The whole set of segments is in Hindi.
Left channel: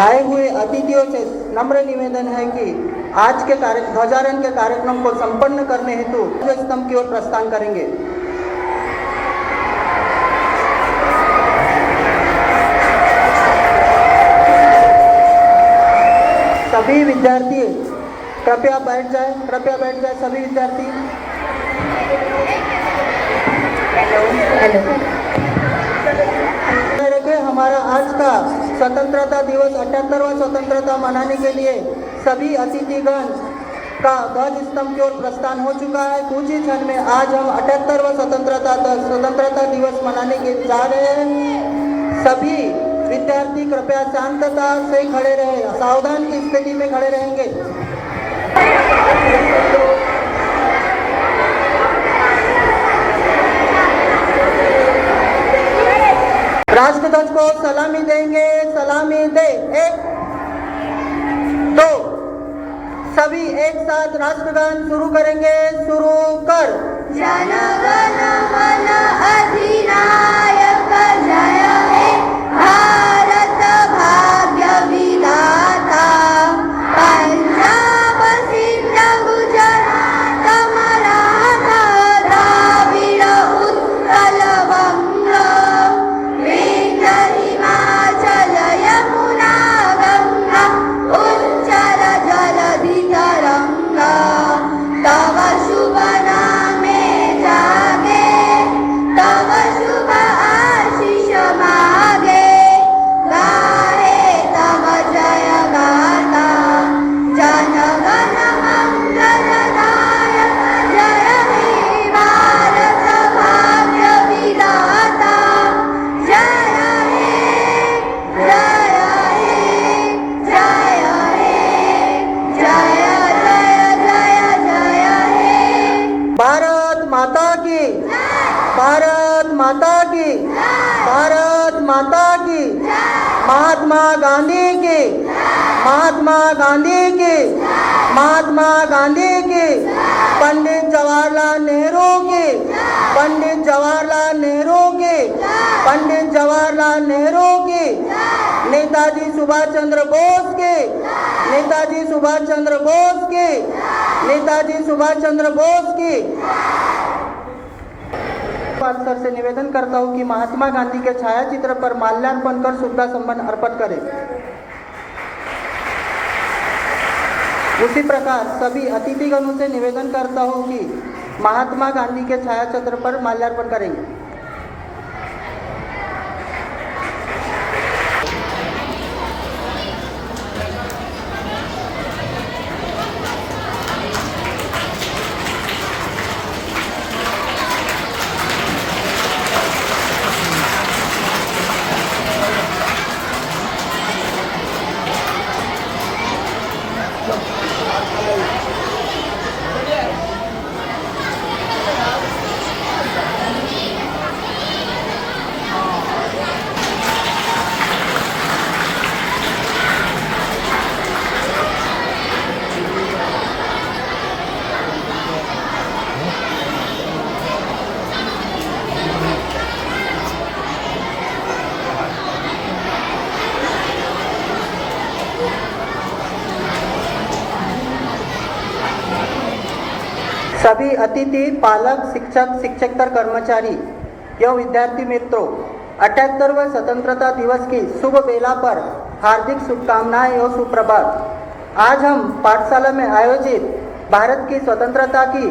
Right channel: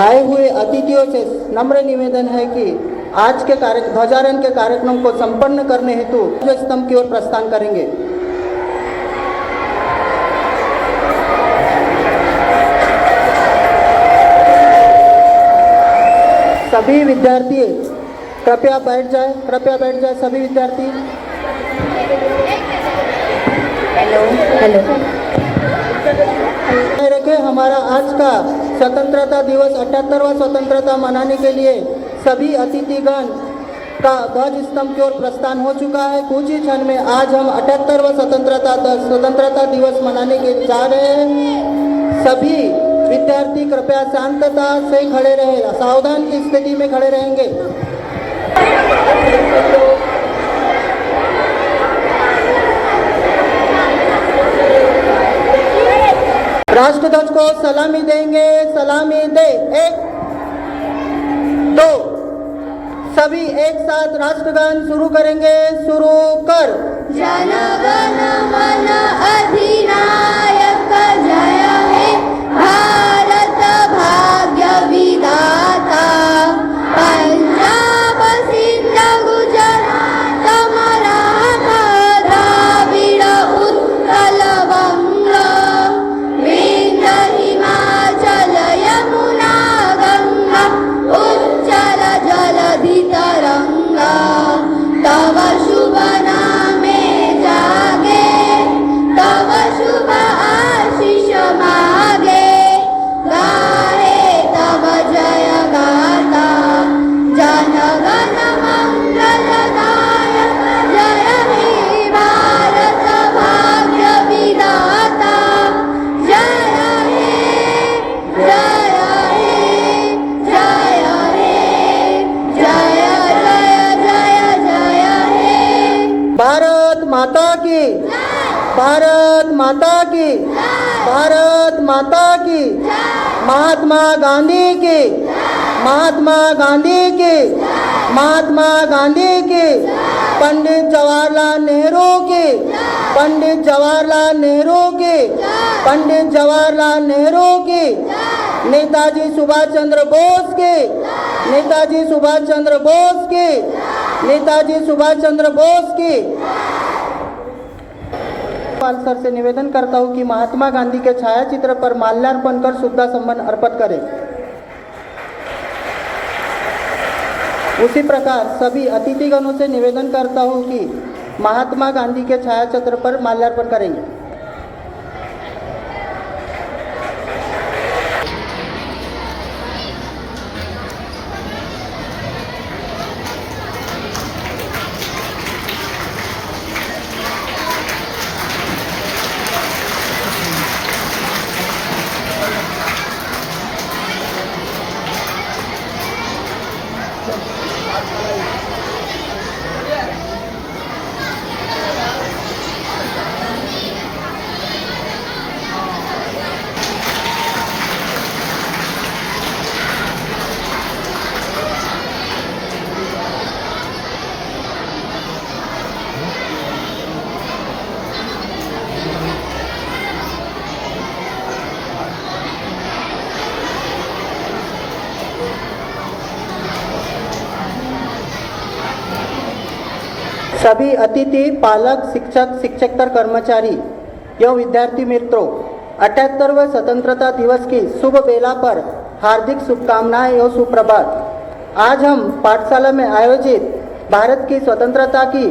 आए हुए अतिथियों से नम्र निवेदन है कि आज के ध्वजारोहण के कार्यक्रम को संपन्न करने हेतु स्तंभ की ओर प्रस्थान करेंगे। सभी विद्यार्थी कृपया बैठ जाए सभी विद्यार्थी। हेलो। हमारा आज का स्वतंत्रता दिवस 78वां स्वतंत्रता मनाने के लिए सभी अतिथिगण का ध्वज स्तंभ की ओर प्रस्थान हो चुका है। कुछ ही क्षण में आज हम 78वां स्वतंत्रता दिवस मनाने के जा रहे हैं। सभी विद्यार्थी कृपया शांतता से खड़े रहे, सावधान की स्थिति में खड़े रहेंगे। राष्ट्रध्वज को सलामी देंगे, सलामी दे। 1 2 सभी एक साथ राष्ट्रगान शुरू करेंगे। शुरू कर। जन गण मन अधिनायक जय हे भारत भाग्य विधाता। पंजाब सिंध गुजरात मराठा द्राविड़ उत्कल बंग विंध्य हिमाचल यमुना गंगा उच्चल जलधि तरंगा। तव शुभ नामे जागे, तव शुभ आशीष मागे, गाहे तव जय गाथा। जन गण मंगलदायक जय हे भारत भाग्य विधाता। जय हे जय हे जय हे जय जय जय जय हे। भारत माता की, भारत माता की, भारत माता की। महात्मा गांधी की, महात्मा गांधी की, महात्मा गांधी की। पंडित जवाहरलाल नेहरू की, पंडित जवाहरलाल नेहरू की, पंडित जवाहरलाल नेहरू की। नेताजी सुभाष चंद्र बोस की, नेताजी सुभाष चंद्र बोस की, नेताजी सुभाष चंद्र बोस की। सर से निवेदन करता हूं कि महात्मा गांधी के छायाचित्र पर माल्यार्पण कर श्रद्धा सुमन अर्पित करें। उसी प्रकार सभी अतिथिगणों से निवेदन करता हूं कि महात्मा गांधी के छायाचित्र पर माल्यार्पण करेंगे। सभी अतिथि, पालक, शिक्षक, शिक्षकेतर कर्मचारी एवं विद्यार्थी मित्रों, 78वें स्वतंत्रता दिवस की शुभ बेला पर हार्दिक शुभकामनाएं एवं सुप्रभात। आज हम पाठशाला में आयोजित भारत की स्वतंत्रता की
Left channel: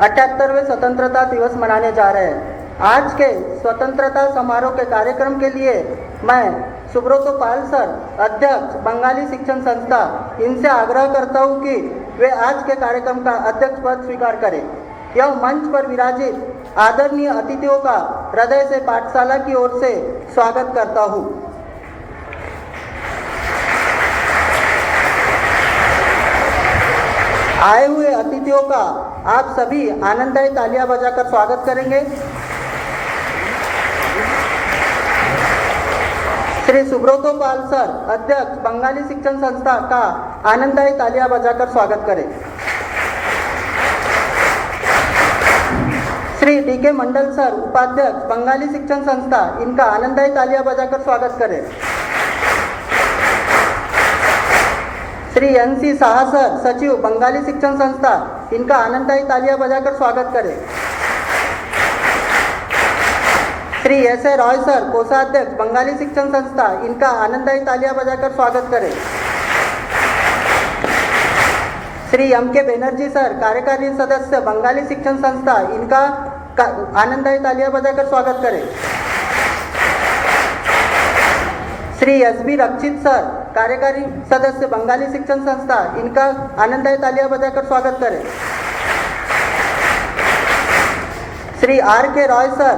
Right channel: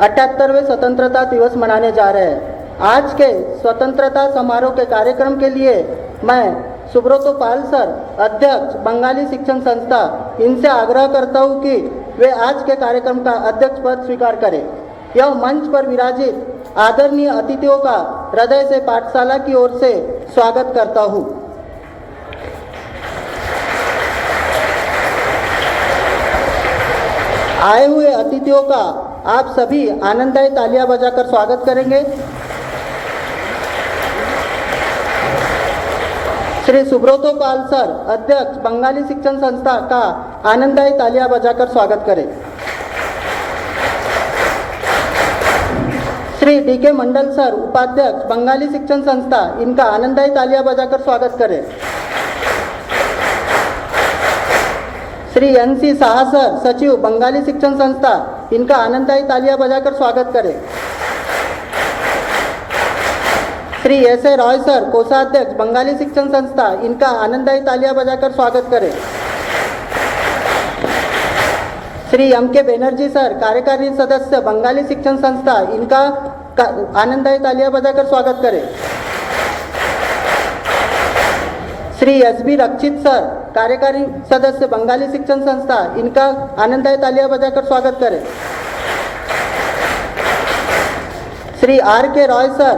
78वें स्वतंत्रता दिवस मनाने जा रहे हैं। आज के स्वतंत्रता समारोह के कार्यक्रम के लिए मैं सुब्रतो पाल सर, अध्यक्ष बंगाली शिक्षण संस्था, इनसे आग्रह करता हूं कि वे आज के कार्यक्रम का अध्यक्ष पद स्वीकार करें। यह मंच पर विराजित आदरणीय अतिथियों का हृदय से पाठशाला की ओर से स्वागत करता हूं। आए हुए अतिथियों का आप सभी आनंददायी तालियां बजाकर स्वागत करेंगे। श्री सुब्रतो पाल सर, अध्यक्ष बंगाली शिक्षण संस्था का आनंददायी तालियां बजाकर स्वागत करें। श्री डी.के. मंडल सर, उपाध्यक्ष बंगाली शिक्षण संस्था, इनका आनंददायी तालियां बजाकर स्वागत करें। श्री NC साहा सर, सचिव बंगाली शिक्षण संस्था, इनका आनंददायी तालियां बजाकर स्वागत करें। श्री SA रॉय सर, कोषाध्यक्ष बंगाली शिक्षण संस्था, इनका आनंददायी तालियां बजाकर स्वागत करें। श्री MK बनर्जी सर, कार्यकारी सदस्य बंगाली शिक्षण संस्था, इनका आनंददायी तालियां बजाकर स्वागत करें। श्री SB रक्षित सर, कार्यकारी सदस्य बंगाली शिक्षण संस्था, इनका आनंददायी तालियां बजाकर स्वागत करें। श्री RK रॉय सर,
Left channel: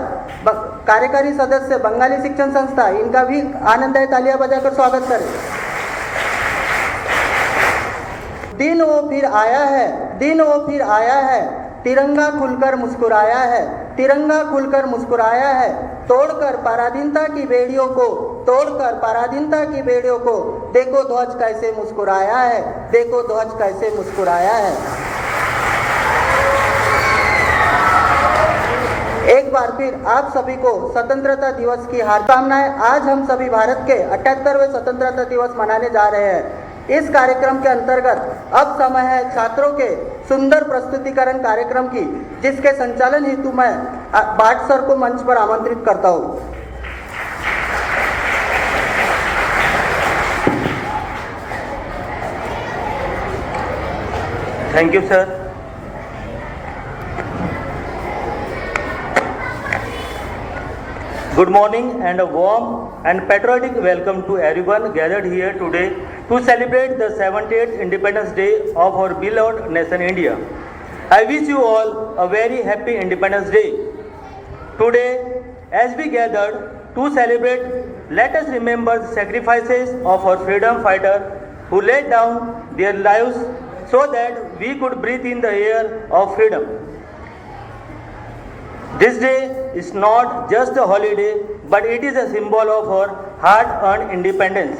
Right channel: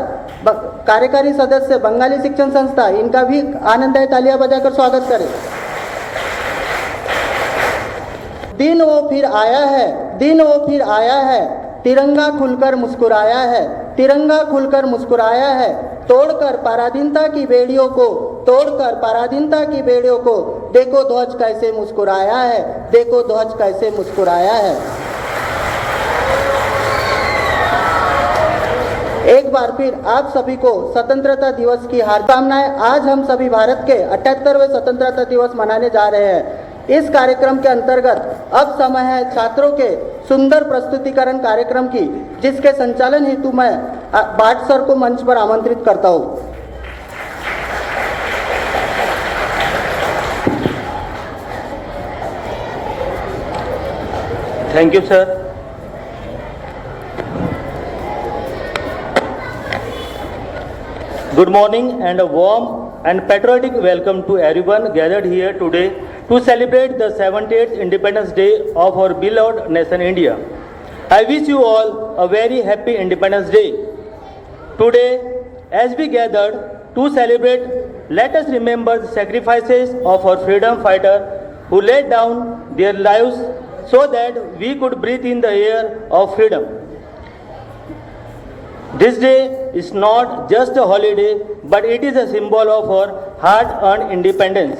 कार्यकारी सदस्य बंगाली शिक्षण संस्था, इनका भी आनंददायी तालियां बजाकर स्वागत करें। दिन वो फिर आया है, दिन वो फिर आया है, तिरंगा खुलकर मुस्कुराया है, तिरंगा खुलकर मुस्कुराया है, तोड़कर पराधीनता की बेड़ियों को, तोड़कर पराधीनता की बेड़ियों को, देखो ध्वज कैसे मुस्कुराया है, देखो ध्वज कैसे मुस्कुराया है। एक बार फिर आप सभी को स्वतंत्रता दिवस की हार्दिक शुभकामनाएं। आज हम सभी भारत के 78वें स्वतंत्रता दिवस मनाने जा रहे हैं। इस कार्यक्रम के अंतर्गत अब समय है छात्रों के सुंदर प्रस्तुतिकरण कार्यक्रम की, जिसके संचालन हेतु मैं भाट सर को मंच पर आमंत्रित करता हूँ। Thank you, sir. Good morning and a warm and patriotic welcome to everyone gathered here today to celebrate the 78th Independence Day of our beloved nation India. I wish you all a very happy Independence Day. Today, as we gathered to celebrate, let us remember the sacrifices of our freedom fighters who laid down their lives so that we could breathe in the air of freedom. This day is not just a holiday, but it is a symbol of our hard-earned independence.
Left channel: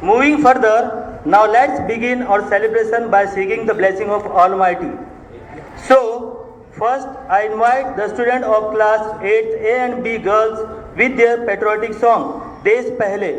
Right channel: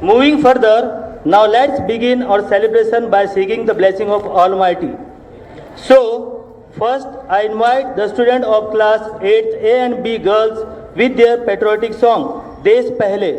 Moving further, now let's begin our celebration by seeking the blessing of Almighty. So, first I invite the students of class 8 A and B girls with their patriotic song, Desh Pehle.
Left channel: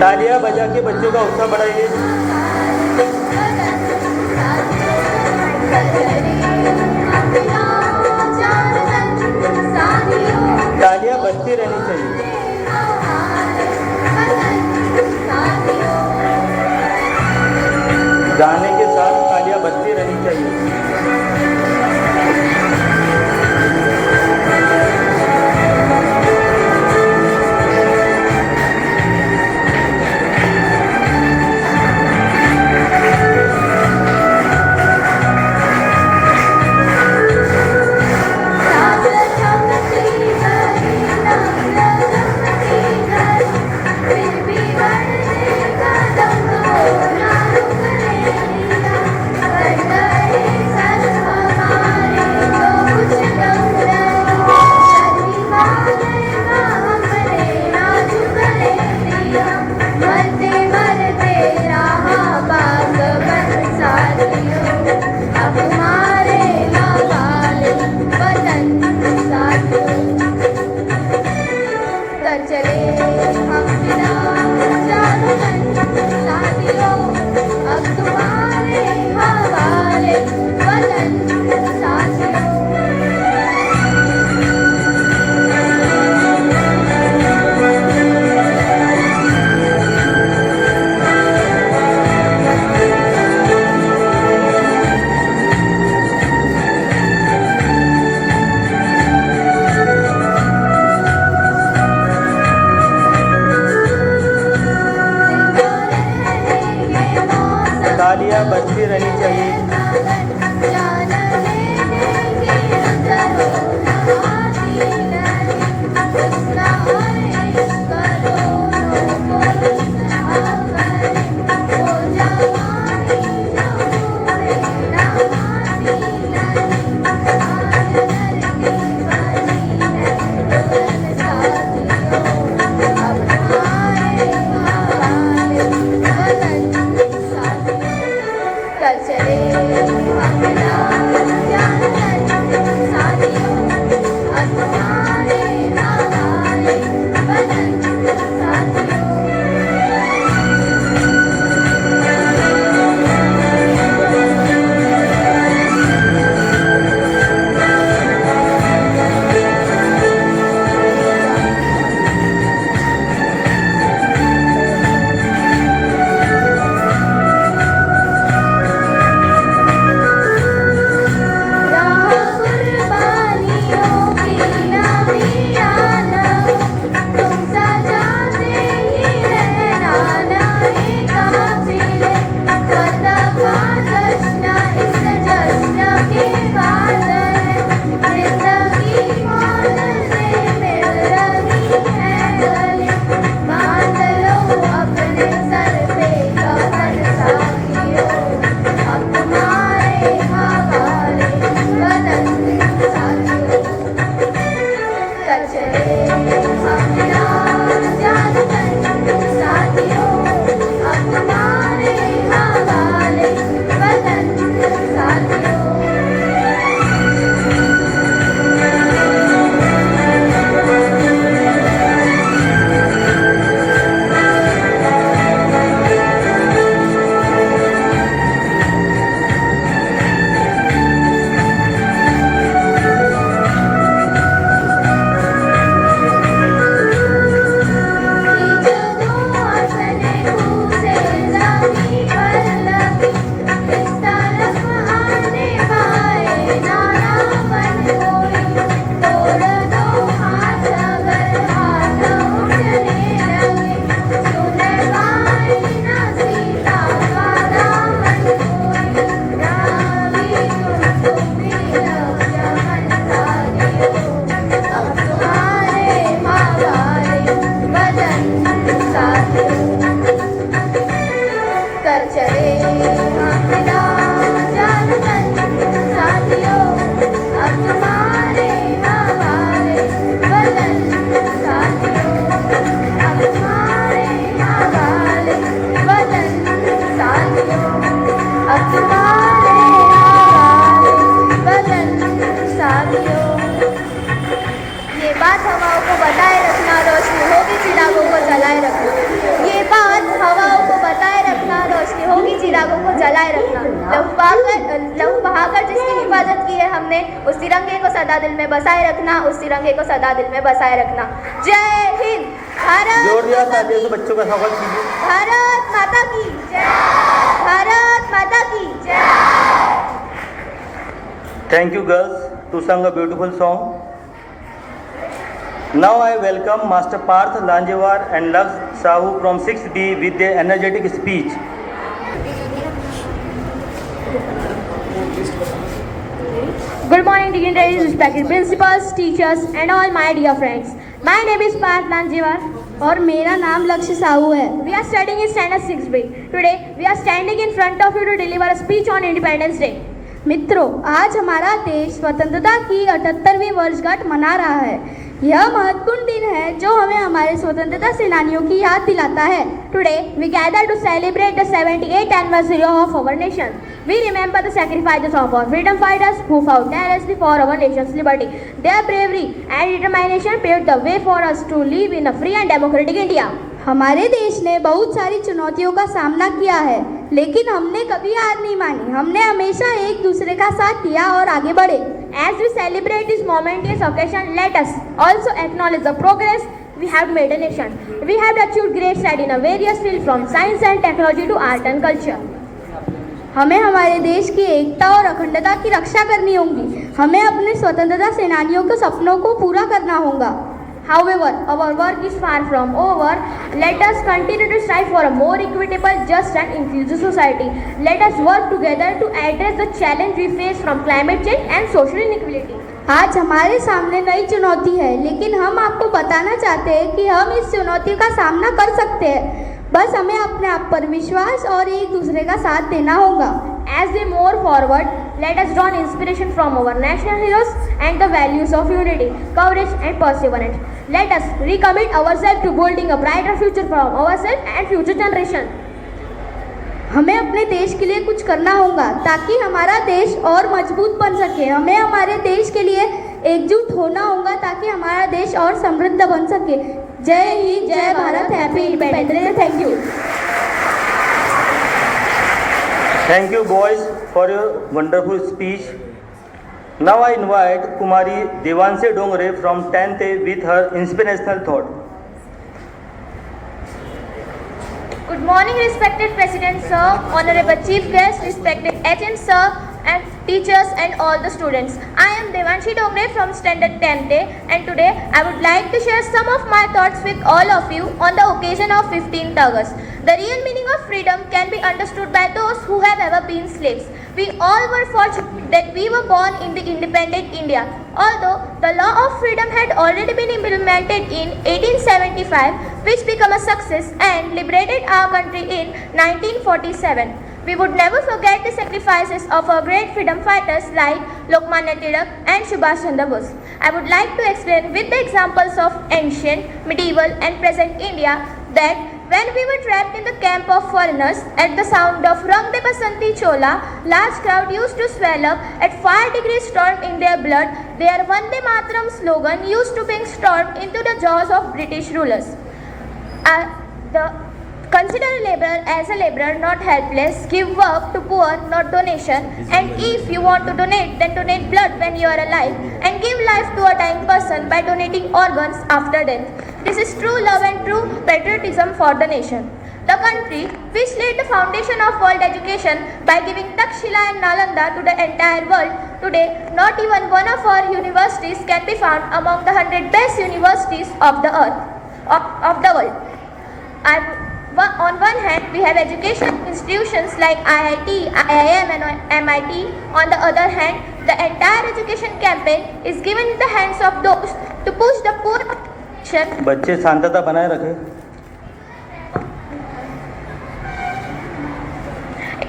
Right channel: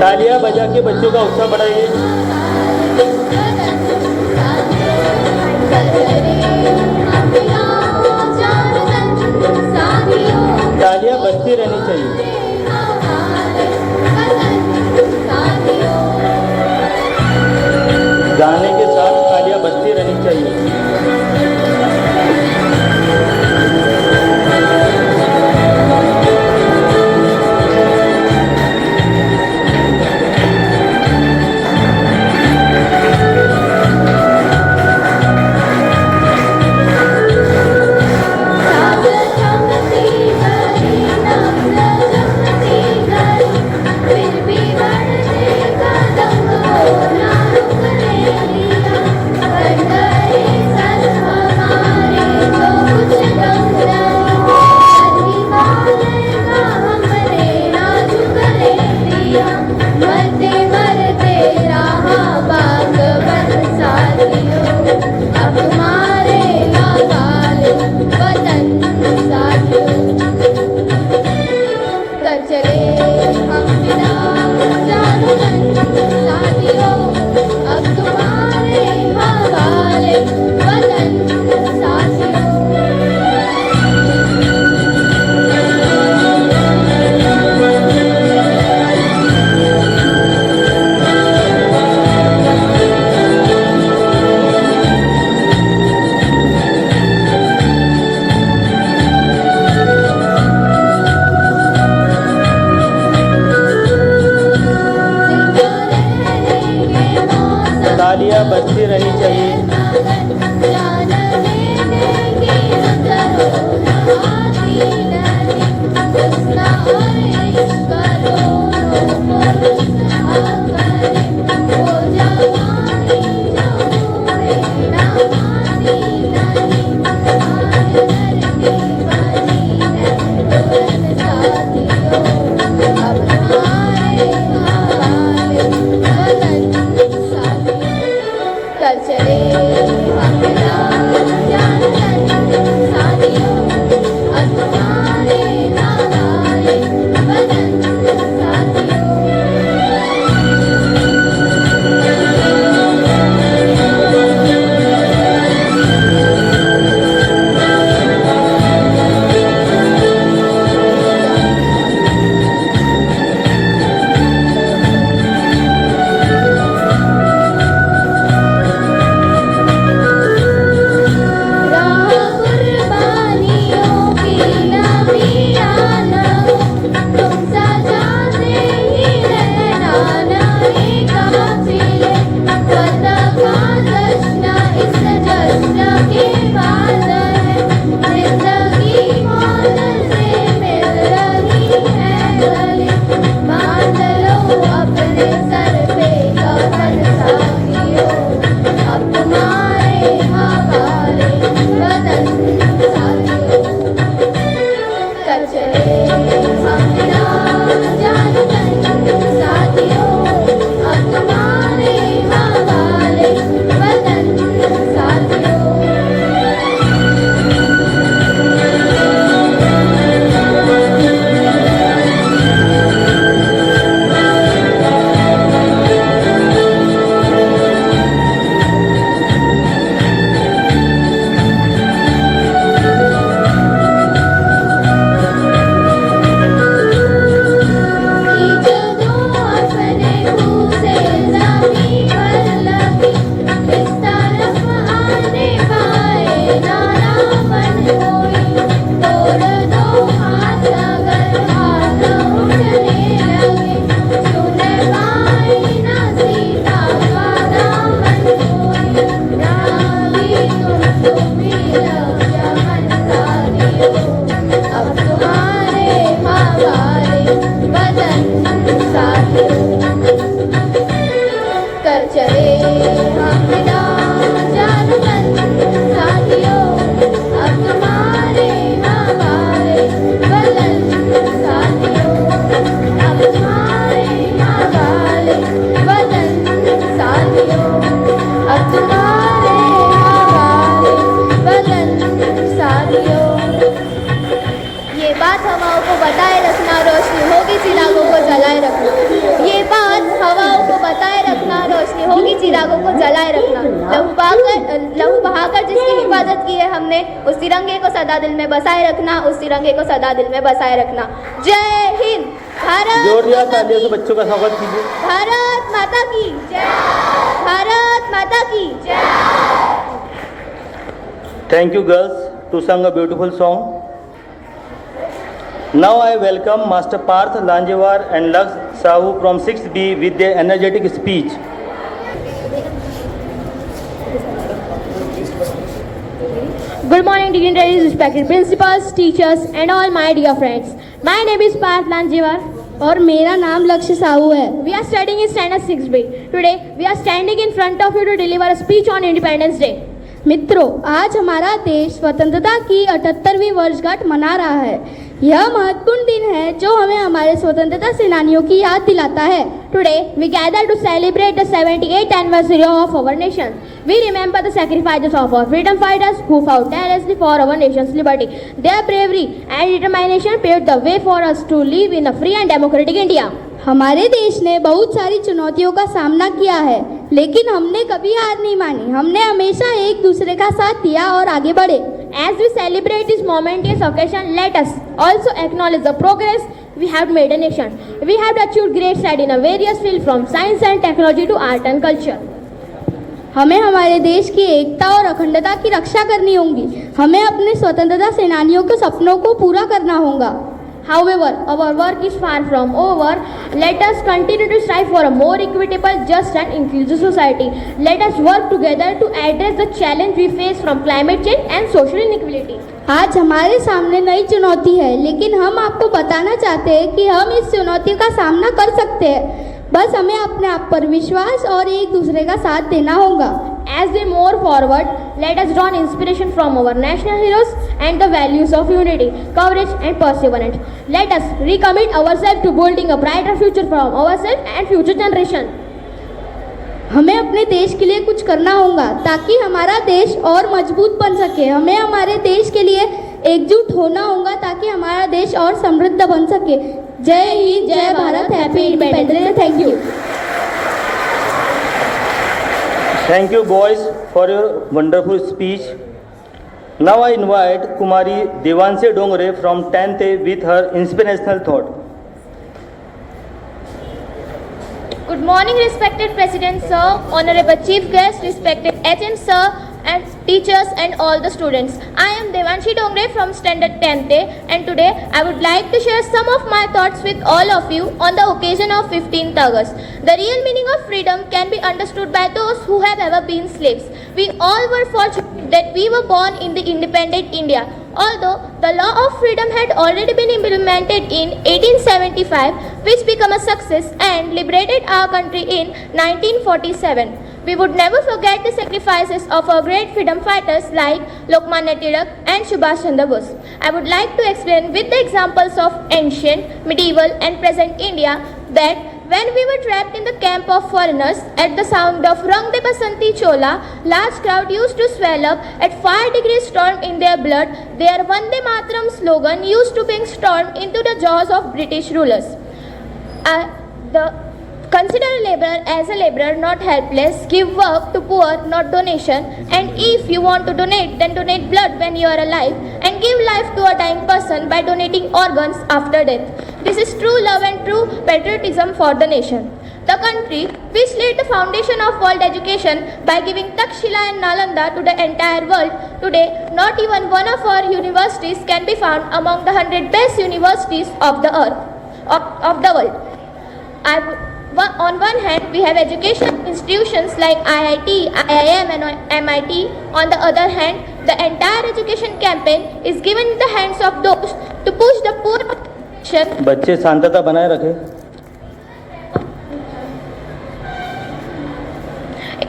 तालियां बजा के बच्चों का उत्साह बढ़ाइए। तालियां बजती रहनी चाहिए। गाने के साथ तालियां बजती रहनी चाहिए। लहू बहाकर जिसकी हिफाजत की है हमने, उस तिरंगे को सदा दिल में बसाए रखना, उस तिरंगे को सदा दिल में बसाए रखना। जय हिंद। जोरदार तालियों से बच्चों का स्वागत कीजिए। भारत माता की जय। भारत माता की जय। Thank you girls to sing a beautiful song. Now I welcome Master Parth Lanjewar and Laks Sahu from 6B with their energetic speech. Good morning, dignitaries, respected principals, teachers, and all my dear friends. My name is Parth Lanjewar. और मेरा नाम लक्ष्य साहू है। We are studying in standard 6B. Today, we are standing in front of you to deliver a speech on Independence Day. मित्रों, आज हमारा देश स्वतंत्रता की 78वीं वर्षगांठ मना रहा है। यह महत्वपूर्ण दिन है जो हमें हमारे स्वतंत्रता सेनानियों की याद दिलाता है। Today, we gather to celebrate the 78th anniversary of our nation. We remember the sacrifices of our freedom fighters who fought tirelessly for our nation's liberty. Their bravery and determination paved the way for us to live in a free and democratic India. हमारे देश ने बहुत सारी चुनौतियों का सामना किया है, लेकिन हमने कभी हार नहीं मानी। हमने हमेशा एक दूसरे का साथ दिया और आगे बढ़े। As we celebrate this momentous occasion, let us also acknowledge the progress we have made a nation. We have achieved great strides in a various fields from science and technology to art and culture. हमें हमारे देश की एकता और अखंडता की रक्षा करनी होगी। हमें अपने स्वतंत्रता सेनानियों के सपनों को पूरा करना होगा। However, our work is far from over. Let us continue to strive for a more equitable, just and inclusive society. Let us work together to address the challenge we face from climate change and social inequality. आज हमारे सामने नई चुनौती है, लेकिन हम आपको बताना चाहते हैं कि हम इस चुनौती का सामना कर सकते हैं। बस हमें अपने आप पर विश्वास और एक दूसरे का साथ देना होगा। As we move forward, let us draw inspiration from our national heroes and the values of unity, courage and perseverance. Let us recommit ourselves to building a brighter future for ourselves and future generation. हमें अपने देश के लिए कुछ करना होगा ताकि हमारा देश और मजबूत बन सके। हमें हमारे देश के लिए एकजुट होना होगा ताकि हमारा देश और समृद्ध बन सके। जय हिंद, जय Bharat, happy independence day. Thank you. Thank you, boys, for your wonderful speech. Now I invite Kumari Devanshi Dongre from 10th A with her inspirational thought. Good morning, respected President Sir, Honorable Chief Guest, respected HM Sir, and teachers and all the students. I am Devanshi Dongre from Standard 10th A, and today I would like to share some of my thoughts with all of you on the occasion of 15th August. The real meaning of freedom can be understood by those who have ever been slaves. We all were fortunate that we were born in the independent India. Although the law of freedom had already been implemented in 1875, which became a success and liberated our country in 1947. We would never forget the sacrifices of our great freedom fighters like Lokmanya Tilak and Subhash Chandra Bose. I would like to explain with the examples of ancient, medieval and present India that when we were trapped in the camp of foreigners, at the sound of Rang de Basanti Chola, large crowd used to swell up at 5 degrees storm in their blood. Their Vande Mataram slogan used to bring storm into the jaws of British rulers. Consider a laborer as a laborer, not helpless. Give work to poor, not donation. And if you want to donate, then donate blood when you are alive. And give life to a dying person by donating organs after death. This is true love and true patriotism for the nation. The country which laid the foundation of world education by giving Takshila and Nalanda to the entire world. Today, not even one of our universities can be found among the 100 best universities of the earth, of the world. On one hand, we have educational institutions like IIT, IIM and MIT. On the other hand, the entire education campaign is given in the hands of those to push the poor nation. बच्चे शांतता बनाए रखें.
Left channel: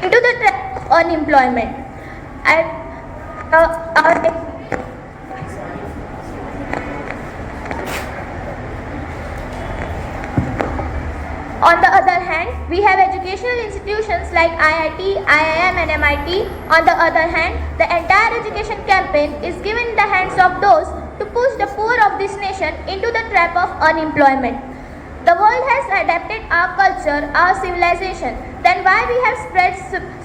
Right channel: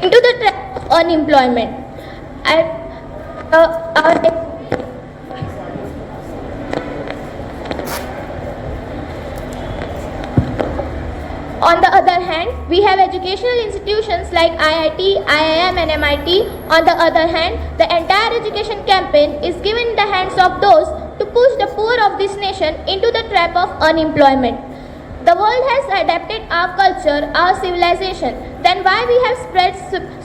Into the trap of unemployment. On the other hand, we have educational institutions like IIT, IIM and MIT. On the other hand, the entire education campaign is given in the hands of those to push the poor of this nation into the trap of unemployment. The world has adapted our culture, our civilization. Then why we have spread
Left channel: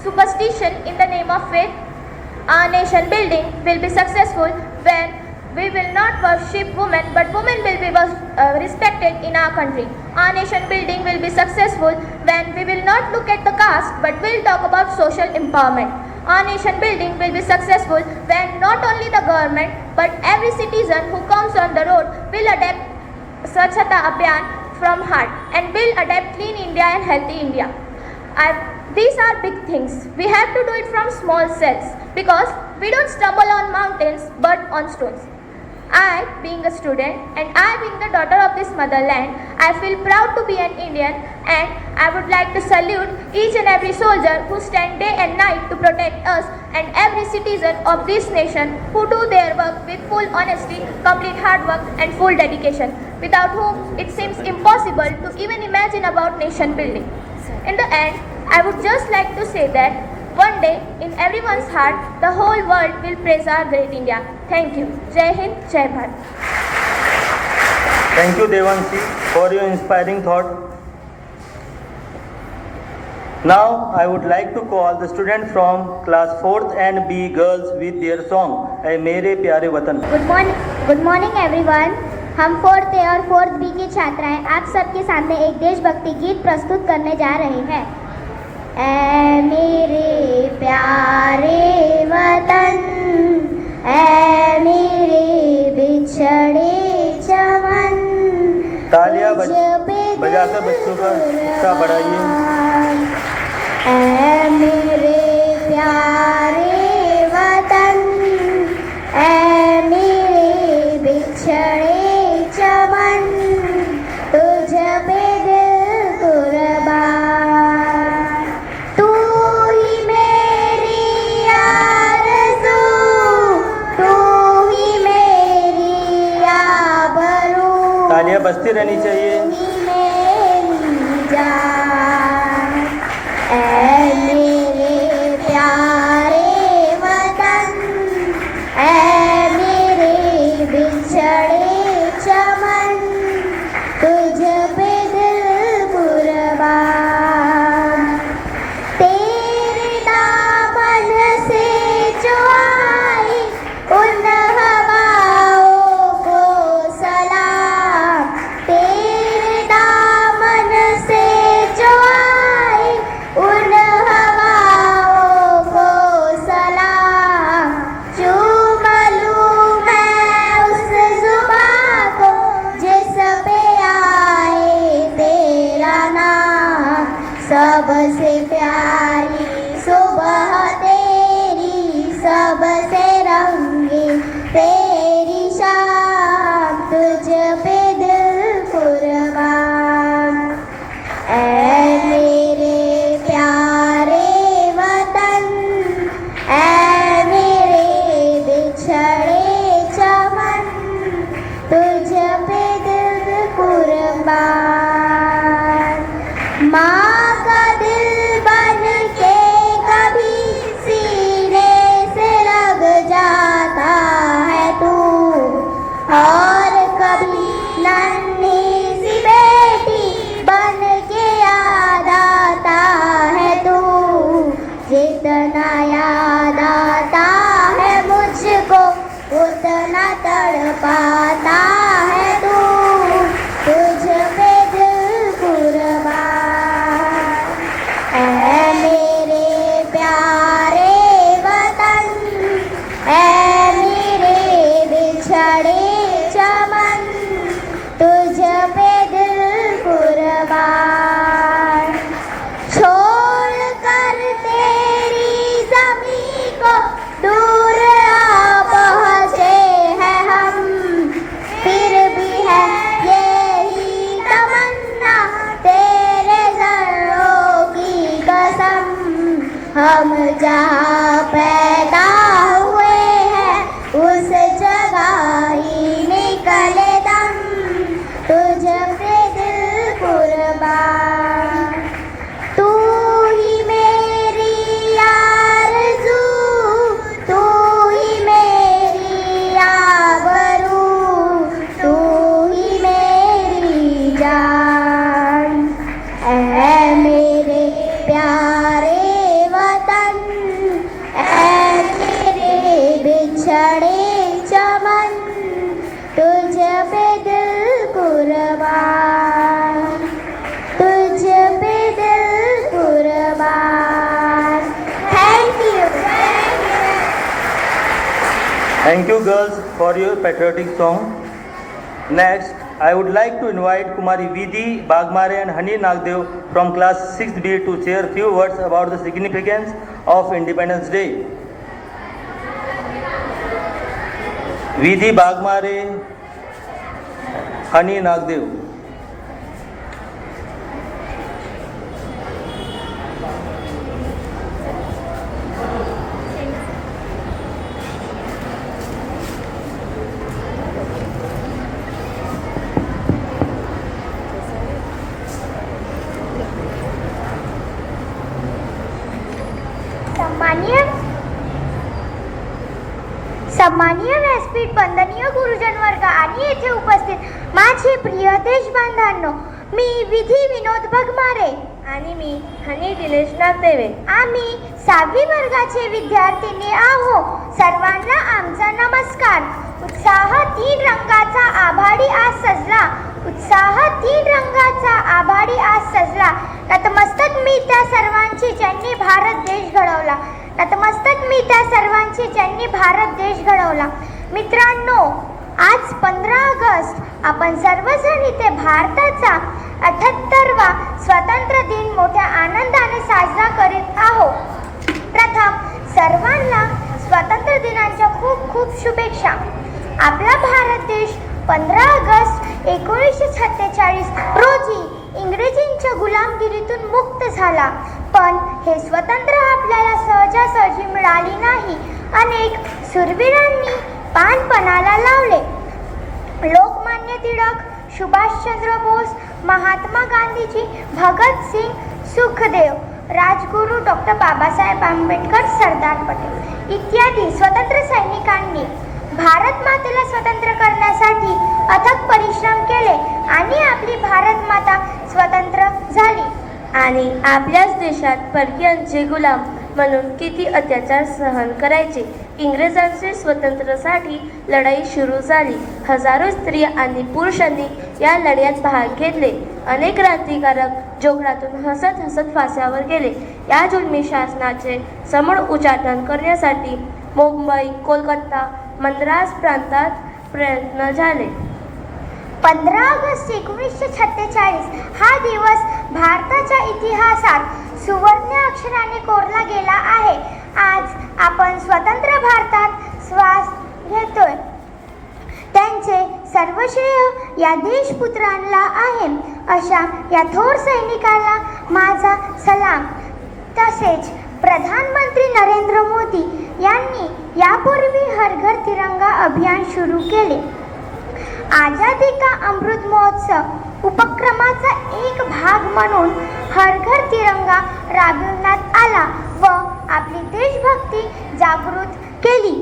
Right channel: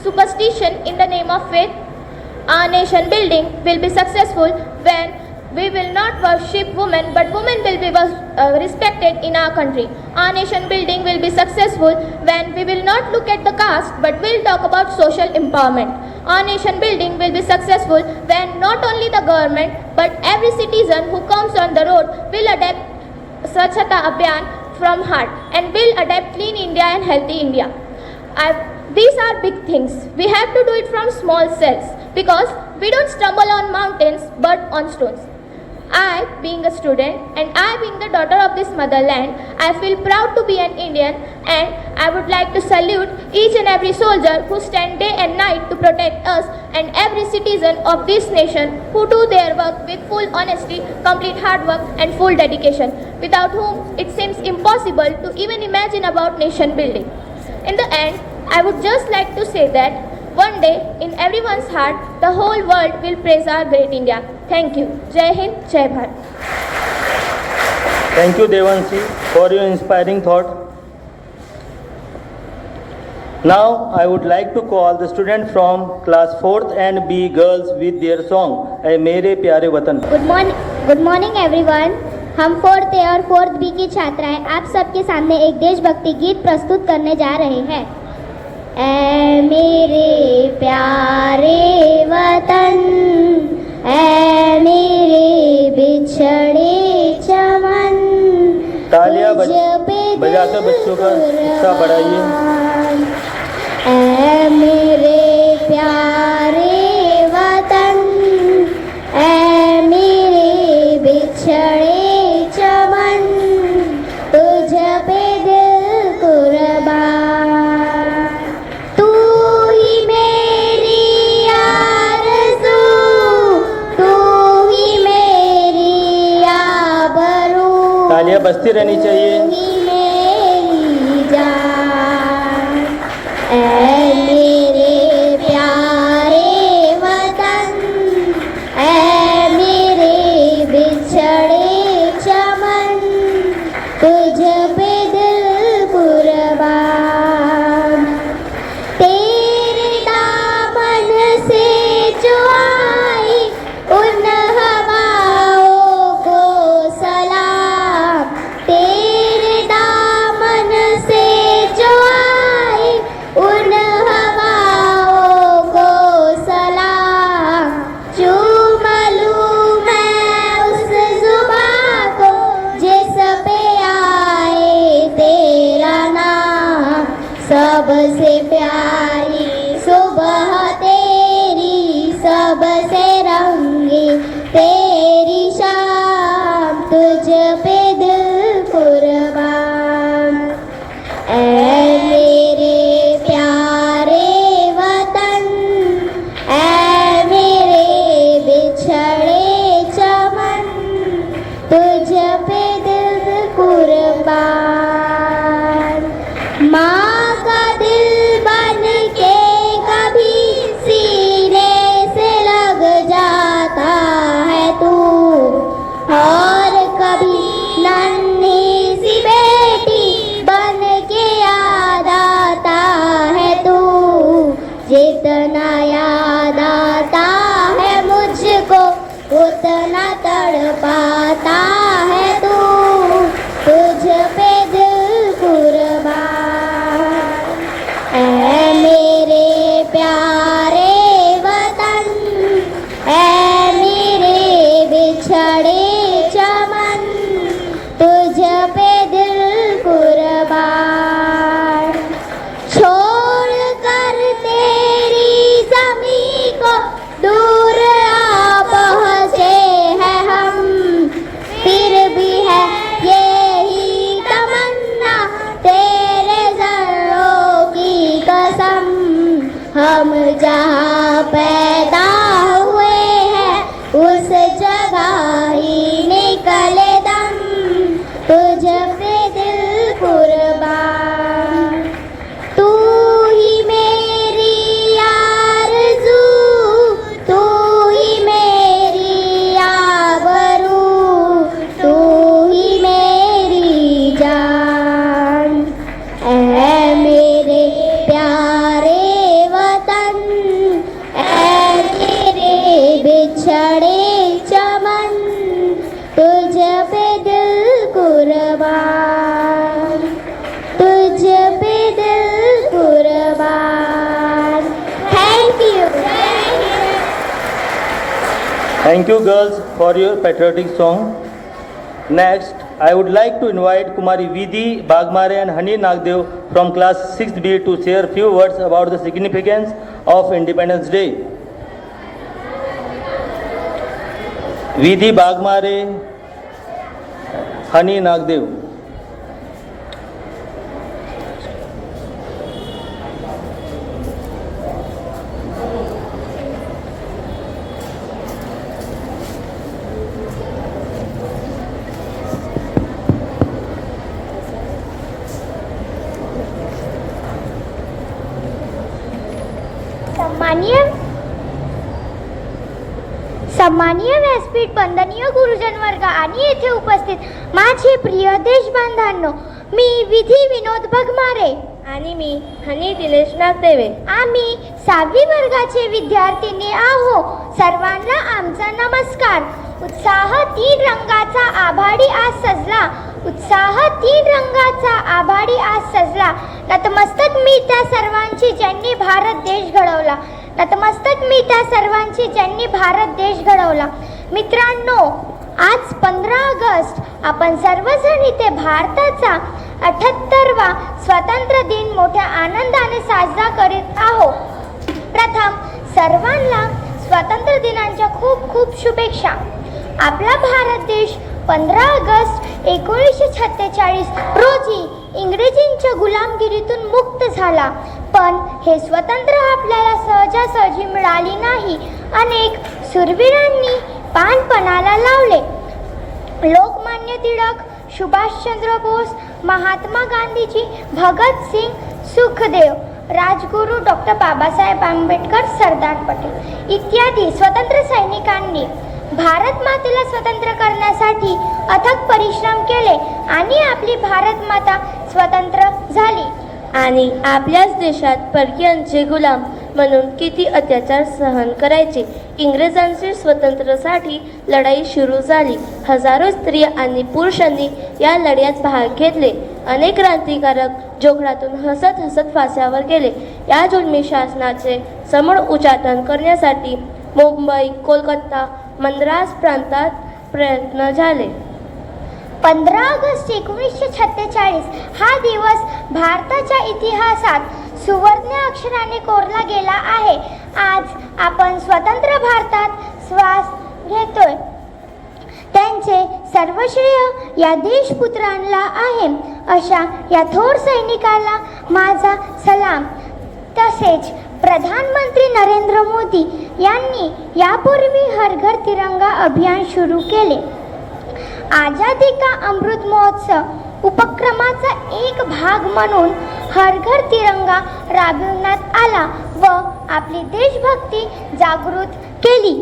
superstition in the name of faith? Our nation building will be successful when we will not worship women, but women will be respected in our country. Our nation building will be successful when we will not look at the caste, but will talk about social empowerment. Our nation building will be successful when not only the government, but every citizen who comes on the road will adapt Swachhata Abhiyan from heart and will adapt Clean India and Healthy India. These are big things. We have to do it from small cells because we don't stumble on mountains but on stones. I, being a student and I being the daughter of this motherland, I feel proud to be an Indian, and I would like to salute each and every soldier who stand day and night to protect us and every citizen of this nation who do their work with full honesty, complete hard work and full dedication, without whom it seems impossible to even imagine about nation building. In the end, I would just like to say that one day, in everyone's heart, the whole world will praise our great India. Thank you. Jai Hind, Jai Bharat. Thank you, Devanshi, for your inspiring thought. Now, I would like to call the student from class 4th and B girls with their song, "ऐ मेरे प्यारे वतन." Good morning everyone. हम 4th A और 4th B की छात्राएं आप सबके सामने एक देशभक्ति गीत प्रस्तुत करने जा रहे हैं। ऐ मेरे प्यारे वतन, ऐ मेरे बिछड़े चमन, तालियां बजाकर बच्चों का उत्साह बढ़ाइए। ऐ मेरे प्यारे वतन, ऐ मेरे बिछड़े चमन, तुझ पे दिल कुर्बान, तू ही मेरी आरज़ू बजती रहनी चाहिए। मेरी जान, ऐ मेरे प्यारे वतन, ऐ मेरे बिछड़े चमन, तुझ पे दिल कुर्बान। तेरे दामन से जो आई उन हवाओं को सलाम, तेरे दामन से जो आई उन हवाओं को सलाम। चूम लूं मैं उस जुबां को जिस पे आए तेरा नाम, सबसे प्यारी सुबह तेरी, सबसे रंगी तेरी शाम, तुझ पे दिल कुर्बान। ऐ मेरे प्यारे वतन, ऐ मेरे बिछड़े चमन, तुझ पे दिल कुर्बान। माँ का दिल बन के कभी सीने से लग जाता है तू, और कभी नन्ही सी बेटी बन के याद आता है तू। जितना याद आता है मुझको उतना तड़पाता है तू, तुझ पे दिल कुर्बान। ऐ मेरे प्यारे वतन, ऐ मेरे बिछड़े चमन, तुझ पे दिल कुर्बान। छोड़ कर तेरी ज़मीं को दूर आ पहुँचे हैं हम, फिर भी है यही तमन्ना तेरे ज़र्रों की कसम। हम जहाँ पैदा हुए हैं उस जगह ही निकले दम, तुझ पे दिल कुर्बान। तू ही मेरी आरज़ू, तू ही मेरी आबरू, तू ही मेरी जान। ऐ मेरे प्यारे वतन, ऐ मेरे बिछड़े चमन, तुझ पे दिल कुर्बान, तुझ पे दिल कुर्बान। Thank you. Thank you girls for your patriotic song. Next, I would like to invite Kumari Vidhi Bagmare and Hani Nagdev from class 6B to share few words about the significance of Independence Day. Vidhi Bagmare, Hani Nagdev. सन्माननीय व्यासपीठ, वंदनीय गुरुजन वर्ग आणि येथे उपस्थित माझे प्रिय देशबांधवांनो, मी विधी विनोद बगमारे आणि मी हनी दिनेश नागदेवे. आम्ही 6वी वर्गाचे विद्यार्थिनी आहो. सर्वांना आमचा नमस्कार. उत्साह 3 रंगाचा आभाळी आज सजला, उत्साह 3 रंगाचा आभाळी आज सजला. नतमस्तक मी त्या सर्वांची ज्यांनी भारत देश घडवला, नतमस्तक मी त्या सर्वांची ज्यांनी भारत देश घडवला. मित्रांनो, आज 15 ऑगस्ट आपण सर्वजण इथे भारताचा 78वा स्वातंत्र्य दिन मोठ्या आनंदाने साजरा करीत आहोत. प्रथम सर्वांना स्वातंत्र्य दिनाच्या खूप खूप शुभेच्छा. आपला भारत देश 15 ऑगस्ट 1946 रोजी इंग्रजींच्या गुलामगिरीतून मुक्त झाला. पण हे स्वातंत्र्य आपल्याला सहजासहजी मिळाली नाही. अनेक शूरवीरांनी पानपणाला लावले. लोकमान्य टिळक, सुभाष चंद्र बोस, महात्मा गांधीजी, भगत सिंग, सुखदेव, राजगुरू डॉक्टर बाबासाहेब आंबेडकर, सरदार पटेल इत्यादी स्वतंत्र सैनिकांनी भारत मातेला स्वतंत्र करण्यासाठी अथक परिश्रम केले आणि आपली भारत माता स्वतंत्र झाली. आणि आपल्याच देशात परकीयांचे गुलाम म्हणून किती अत्याचार सहन करायचे. इंग्रजांची स्वातंत्र्यासाठी लढाई सुरू झाली. हजारो स्त्रिया आणि पुरुषांनी या लढ्यात भाग घेतले. अनेक क्रांतिकारक जोखडातून हसत हसत फासावर गेले. या जुलमी शासनाचे समूळ उच्चाटन करण्यासाठी मुंबई, कोलकाता, मद्रास प्रांतात प्रयत्न झाले. 15 ऑगस्ट 1946 हा दिवस भारताच्या इतिहासात सुवर्ण अक्षराने कोरला गेला आहे. आज आपण स्वतंत्र भारतात श्वास घेतोय. त्यांचे सर्व श्रेय या देशपुत्रांना आहे. अशा या थोर सैनिकाला माझा सलाम. तसेच प्रधानमंत्री नरेंद्र मोदी यांनी यापूर्वी हर घर तिरंगा अभियान सुरू केले. आझादी का अमृत महोत्सव उपक्रमाचा एक भाग म्हणून हर घर तिरंगा राबविण्यात आला व आपली देशभक्ती जागृत केली.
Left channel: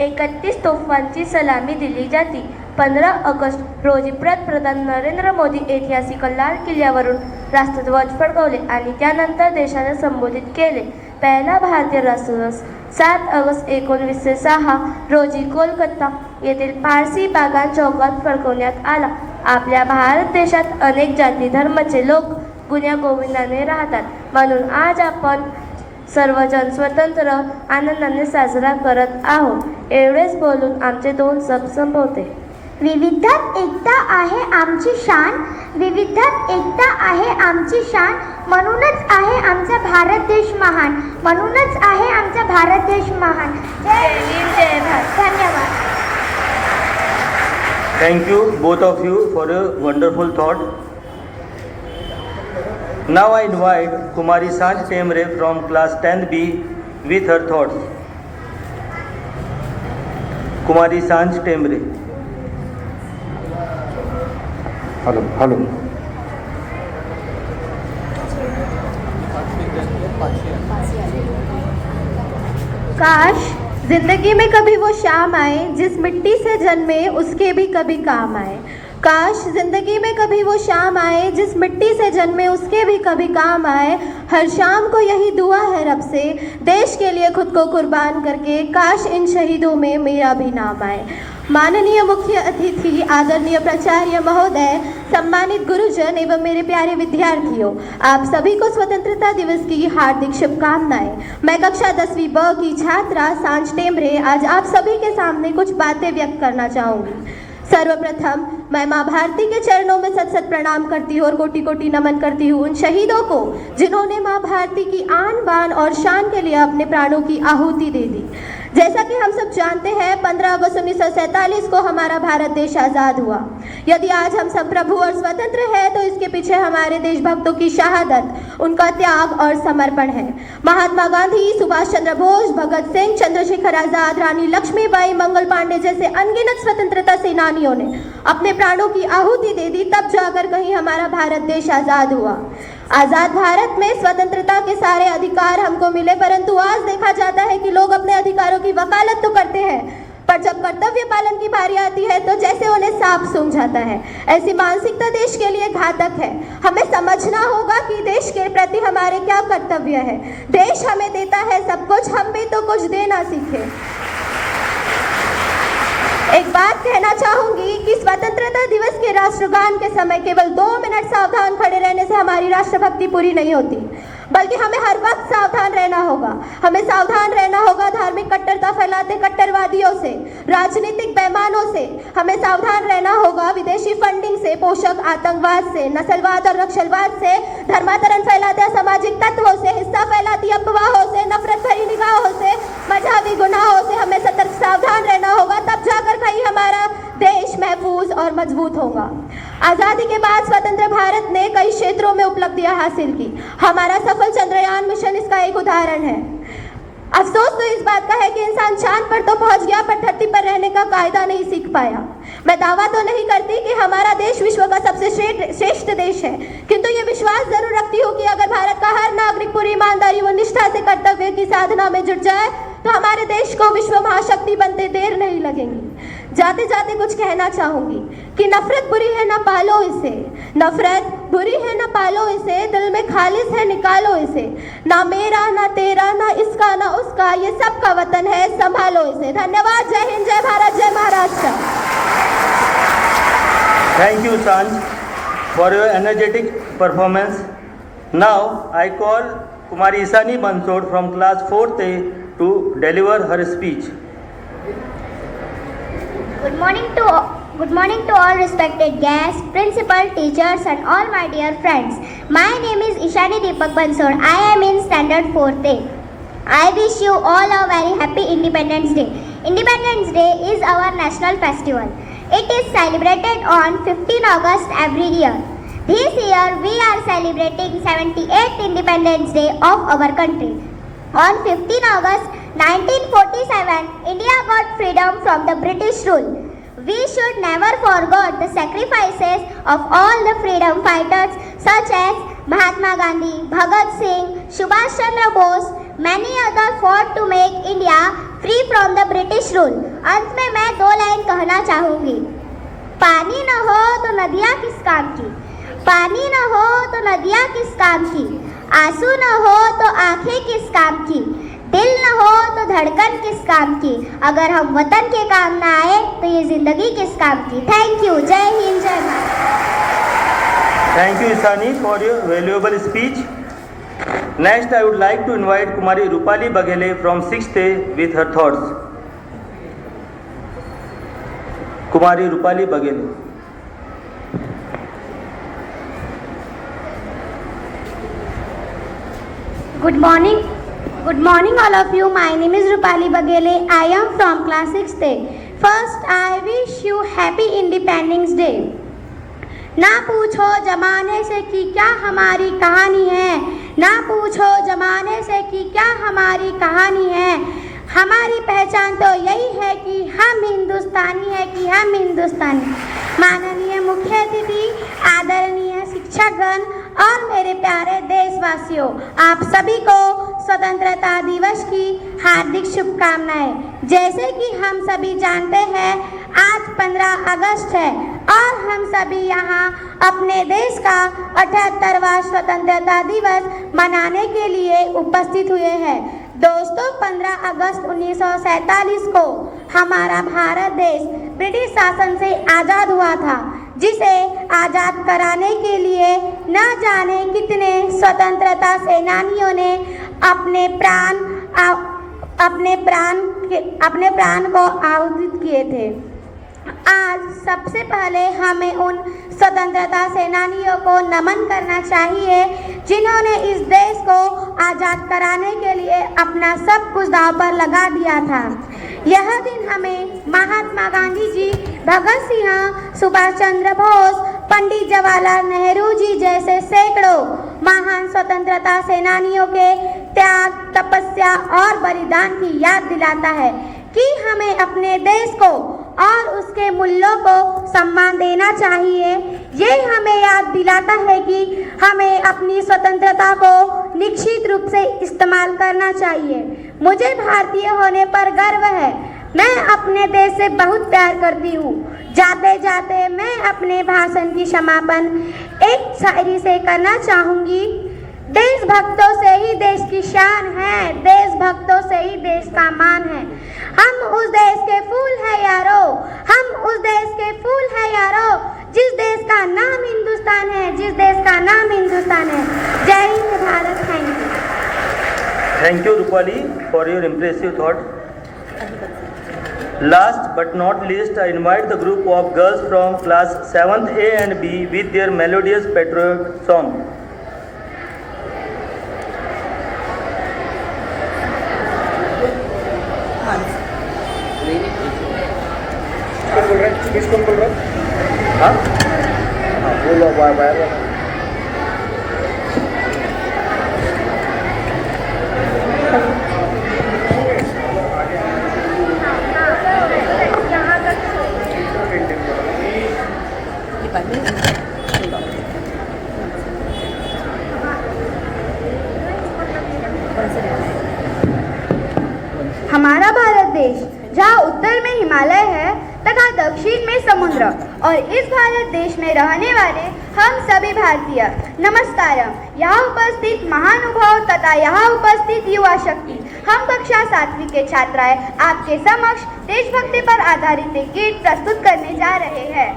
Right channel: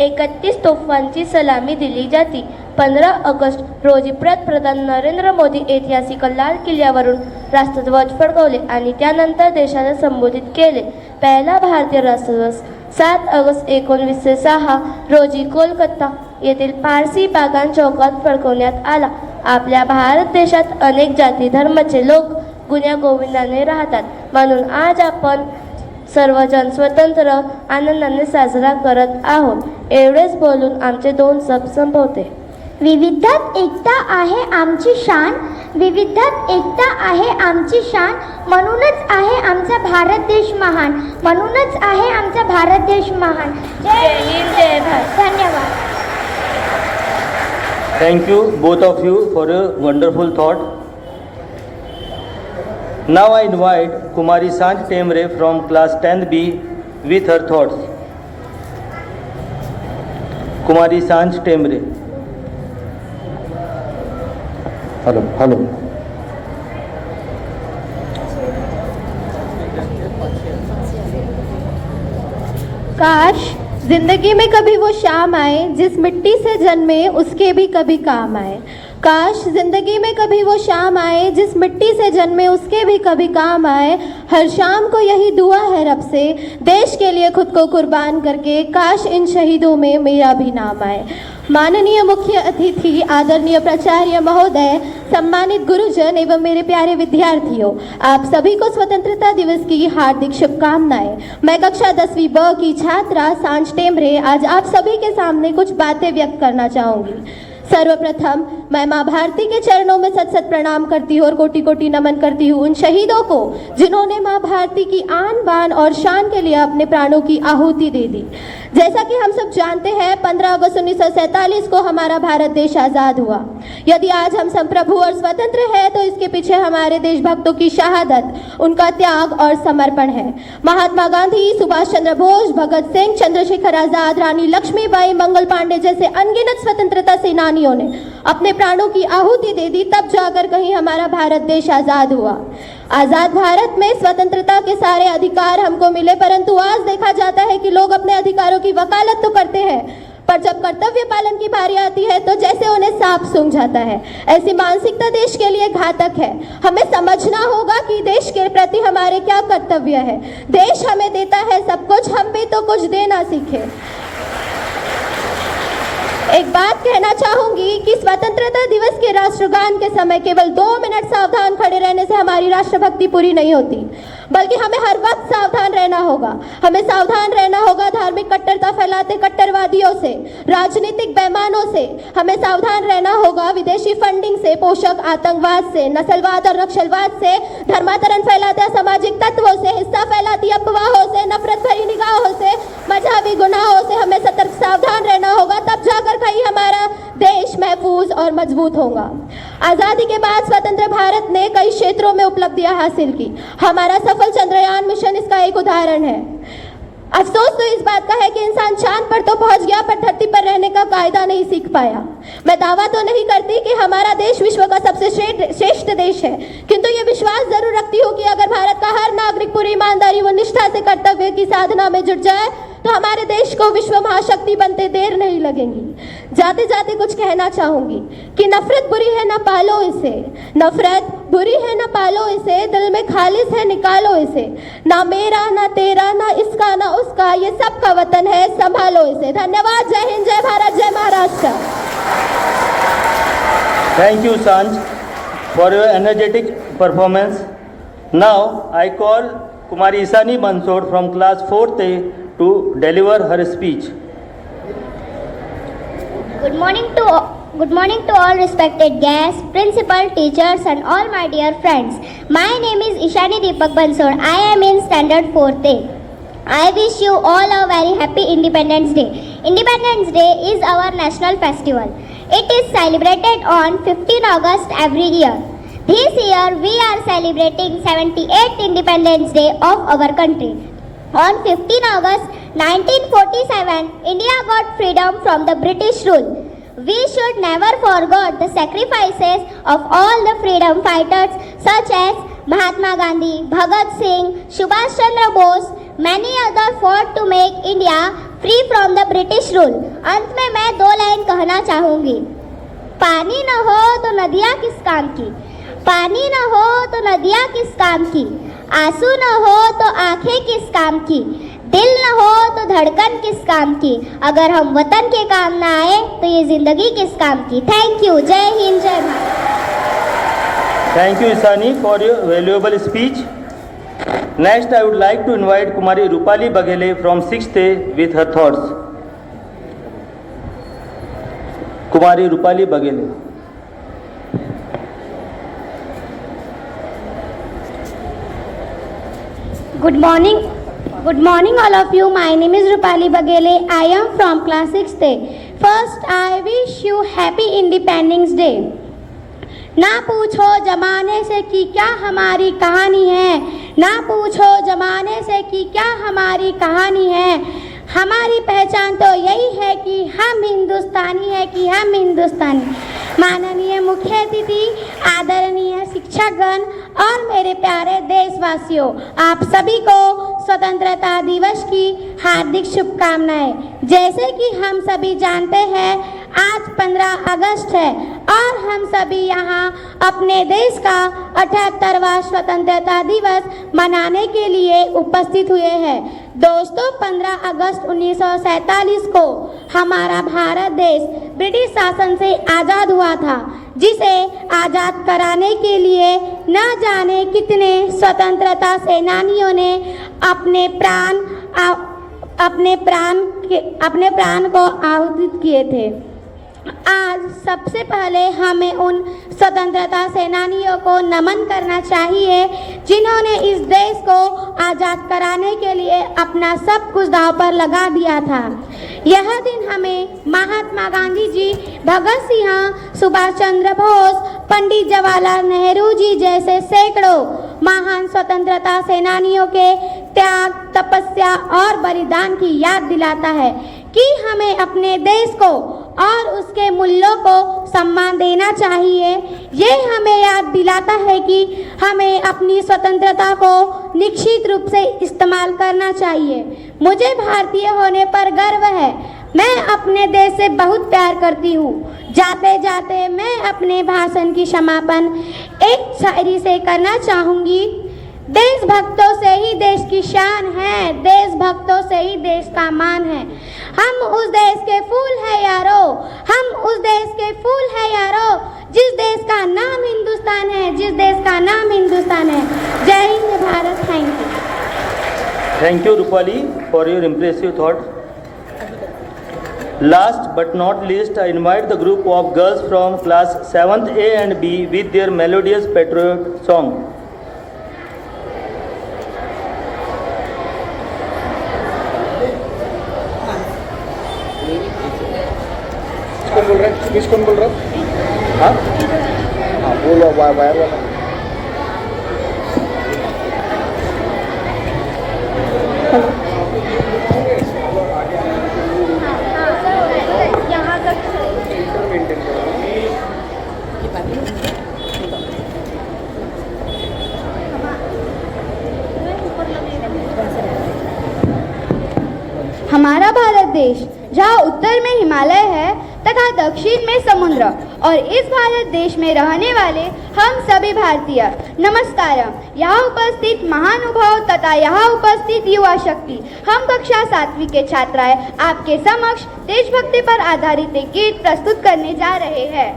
31 तोफांची सलामी दिली जाते. 15 ऑगस्ट रोजी पंतप्रधान नरेंद्र मोदी ऐतिहासिक लाल किल्ल्यावरून राष्ट्रध्वज फडकवले आणि त्यानंतर देशाला संबोधित केले. पहिला भारतीय राष्ट्रध्वज 7 ऑगस्ट 1906 रोजी कोलकाता येथील पारसी बागान चौकात फडकवण्यात आला. आपल्या भारत देशात अनेक जाती धर्माचे लोक गुण्यागोविंदाने राहतात. म्हणून आज आपण सर्वजण स्वतंत्र आनंदाने साजरा करत आहोत. एवढेच बोलून आमचे 2 शब्द संपवते. विविधात एकता आहे आमची शान, विविधात एकता आहे आमची शान, म्हणूनच आहे आमचा भारत देश महान, म्हणूनच आहे आमचा भारत देश महान. जय हिंद, जय भारत. धन्यवाद. Thank you both of you for a wonderful thought. Now I invite Kumari Sanj Temre from class 10B with her thoughts. Kumari Sanj Temre. Hello. काश जिंदगी में कभी वो शाम आए जिस मिट्टी से जन्मे उसके भी कभी काम आए. काश जिंदगी में कभी वो शाम आए जिस मिट्टी से जन्मे उसके भी कभी काम आए. हर शाम को यही दुआ है रब से, देश के लिए खुद को कुर्बान करके काश इन शहीदों में मेरा भी नाम आए. माननीय मुख्य अतिथि, आदरणीय प्राचार्य महोदय, सम्मानित गुरुजन एवं मेरे प्यारे विद्यार्थियों, आप सभी को स्वतंत्रता दिवस की हार्दिक शुभकामनाएं. मैं कक्षा 10वीं ब की छात्रा सांज टेमरे आज आप सभी के सामने कुछ बातें व्यक्त करना चाहूंगी. सर्वप्रथम मैं माँ भारती के चरणों में सत सत प्रणाम करती हूँ और कोटि कोटि नमन करती हूँ उन शहीदों को जिन्होंने माँ भारती की आन बान और शान के लिए अपने प्राणों की आहुति दे दी. जैसा कि हम सब जानते हैं 15 अगस्त 1947 को हमारा भारत देश आज़ाद हुआ. यदि आज हम संप्रभु और स्वतंत्र हैं तो इसके पीछे हमारे देशभक्तों की शहादत, उनका त्याग और समर्पण है. महात्मा गांधी, सुभाष चंद्र बोस, भगत सिंह, चंद्रशेखर आजाद, रानी लक्ष्मीबाई, मंगल पांडे जैसे अनगिनत स्वतंत्रता सेनानियों ने अपने प्राणों की आहुति दे दी, तब जाकर कहीं हमारा भारत देश आज़ाद हुआ. आज़ाद भारत में स्वतंत्रता के सारे अधिकार हमको मिले, परंतु आज देखा जाता है कि लोग अपने अधिकारों की वकालत तो करते हैं, पर जब कर्तव्य पालन की बारी आती है तो जैसे उन्हें सांप सूंघ जाता है. ऐसी मानसिकता देश के लिए घातक है. हमें समझना होगा कि देश के प्रति हमारे क्या कर्तव्य है. देश हमें देता है सब कुछ, हम भी तो कुछ देना सीखें. एक बात कहना चाहूंगी कि स्वतंत्रता दिवस के राष्ट्रगान के समय केवल 2 मिनट सावधान खड़े रहने से हमारी राष्ट्रभक्ति पूरी नहीं होती, बल्कि हमें हर वक्त सावधान रहना होगा. हमें सावधान रहना होगा धार्मिक कट्टरता फैलाते कट्टरवादियों से, राजनीतिक बेईमानों से. हमें सावधान रहना होगा विदेशी फंडिंग से, पोषक आतंकवाद से, नस्लवाद और नक्सलवाद से, धर्मांतरण फैलाते असामाजिक तत्वों से, हिस्सा फैलाती अफवाहों से, नफरत भरी निगाहों से, मजहबी गुनाहों से हमें सतर्क सावधान रहना होगा. तब जाकर कहीं हमारा देश महफूज और मजबूत होगा. आज़ादी के बाद स्वतंत्र भारत ने कई क्षेत्रों में उपलब्धियां हासिल की. हमारा सफल चंद्रयान मिशन इसका एक उदाहरण है. अफसोस तो इस बात का है कि इंसान चांद पर तो पहुंच गया पर धरती पर रहने का कायदा नहीं सीख पाया। मैं दावा तो नहीं करती कि हमारा देश विश्व का सबसे श्रेष्ठ देश है, किंतु ये विश्वास जरूर रखती हूँ कि अगर भारत का हर नागरिक पूरी ईमानदारी व निष्ठा से कर्तव्य की साधना में जुट जाए तो हमारे देश को विश्व महाशक्ति बनते देर नहीं लगेगी। जाते जाते कुछ कहना चाहूंगी कि नफरत बुरी है ना पालो इसे, नफरत बुरी है ना पालो इसे, दिल में खालिस है निकालो इसे, ना मेरा ना तेरा ना इसका ना उसका, ये सबका वतन है संभालो इसे। धन्यवाद। जय हिंद, जय भारत, जय Maharashtra. Thank you, Sanj, for your energetic performance. Now, I call Kumari Isani Bansod from class 4th A to deliver her speech. Good morning to all respected guests, principal, teachers and all my dear friends. My name is Ishani Deepak Bansod. I am in standard 4th A. I wish you all a very happy Independence Day. Independence Day is our national festival. It is celebrated on 15 August every year. This year we are celebrating 78th Independence Day of our country. On 15 August 1947, India got freedom from the British rule. We should never forget the sacrifices of all the freedom fighters such as Mahatma Gandhi, Bhagat Singh, Subhash Chandra Bose, many others fought to make India free from the British rule. अंत में मैं 2 लाइन कहना चाहूँगी। पानी न हो तो नदियाँ किस काम की, पानी न हो तो नदियाँ किस काम की, आंसू न हो तो आंखें किस काम की, दिल न हो तो धड़कन किस काम की, अगर हम वतन के काम ना आए तो ये जिंदगी किस काम की। Thank you. जय हिंद, जय Bharat. Thank you, Isani, for your valuable speech. Next, I would like to invite Kumari Rupali Bagele from 6th A with her thoughts. Kumari Rupali Bagele. Good morning all of you. My name is Rupali Bagele. I am from class 6th A. First, I wish you happy Independence Day. ना पूछो जमाने से कि क्या हमारी कहानी है, ना पूछो जमाने से कि क्या हमारी कहानी है, हमारी पहचान तो यही है कि हम हिंदुस्तानी है, कि हम हिंदुस्तानी। माननीय मुख्य अतिथि, आदरणीय शिक्षकगण और मेरे प्यारे देशवासियों, आप सभी को स्वतंत्रता दिवस की हार्दिक शुभकामनाएं। जैसे कि हम सभी जानते हैं, आज 15 अगस्त है और हम सभी यहाँ अपने देश का 78वां स्वतंत्रता दिवस मनाने के लिए उपस्थित हुए हैं। दोस्तों, 15 अगस्त 1947 को हमारा भारत देश ब्रिटिश शासन से आज़ाद हुआ था, जिसे आज़ाद कराने के लिए न जाने कितने स्वतंत्रता सेनानियों ने अपने प्राण को आहुति किए थे। आज सबसे पहले हमें उन स्वतंत्रता सेनानियों को नमन करना चाहिए जिन्होंने इस देश को आज़ाद कराने के लिए अपना सब कुछ दांव पर लगा दिया था। यह दिन हमें महात्मा गांधी जी, भगत सिंह, सुभाष चंद्र बोस, पंडित जवाहरलाल नेहरू जी जैसे सैकड़ों महान स्वतंत्रता सेनानियों के त्याग, तपस्या और बलिदान की याद दिलाता है कि हमें अपने देश को और उसके मूल्यों को सम्मान देना चाहिए। ये हमें याद दिलाता है कि हमें अपनी स्वतंत्रता को निश्चित रूप से इस्तेमाल करना चाहिए। मुझे भारतीय होने पर गर्व है। मैं अपने देश से बहुत प्यार करती हूँ। जाते जाते मैं अपने भाषण की समापन एक शायरी से करना चाहूँगी। देशभक्तों से ही देश की शान है, देशभक्तों से ही देश का मान है। हम उस देश के फूल है यारो, हम उस देश के फूल है यारो, जिस देश का नाम हिंदुस्तान है, जिस देश का नाम हिंदुस्तान है। जय Hind Bharat. Thank you. Thank you, Rupali, for your impressive thought. Last but not least, I invite the group of girls from class 7th A and B with their melodious patriotic song. किसको बोल रहा हूँ? हाँ, बोलो बार। उत्तर में हिमालय है तथा दक्षिण में समुद्र और इस भारत देश में रहने वाले हम सभी भारतीय नमस्कारम। यहाँ उपस्थित महानुभाव तथा यहाँ उपस्थित युवा शक्ति, हम कक्षा 7वीं के छात्राएं आपके समक्ष देशभक्ति पर आधारित एक गीत प्रस्तुत करने जा रहे हैं।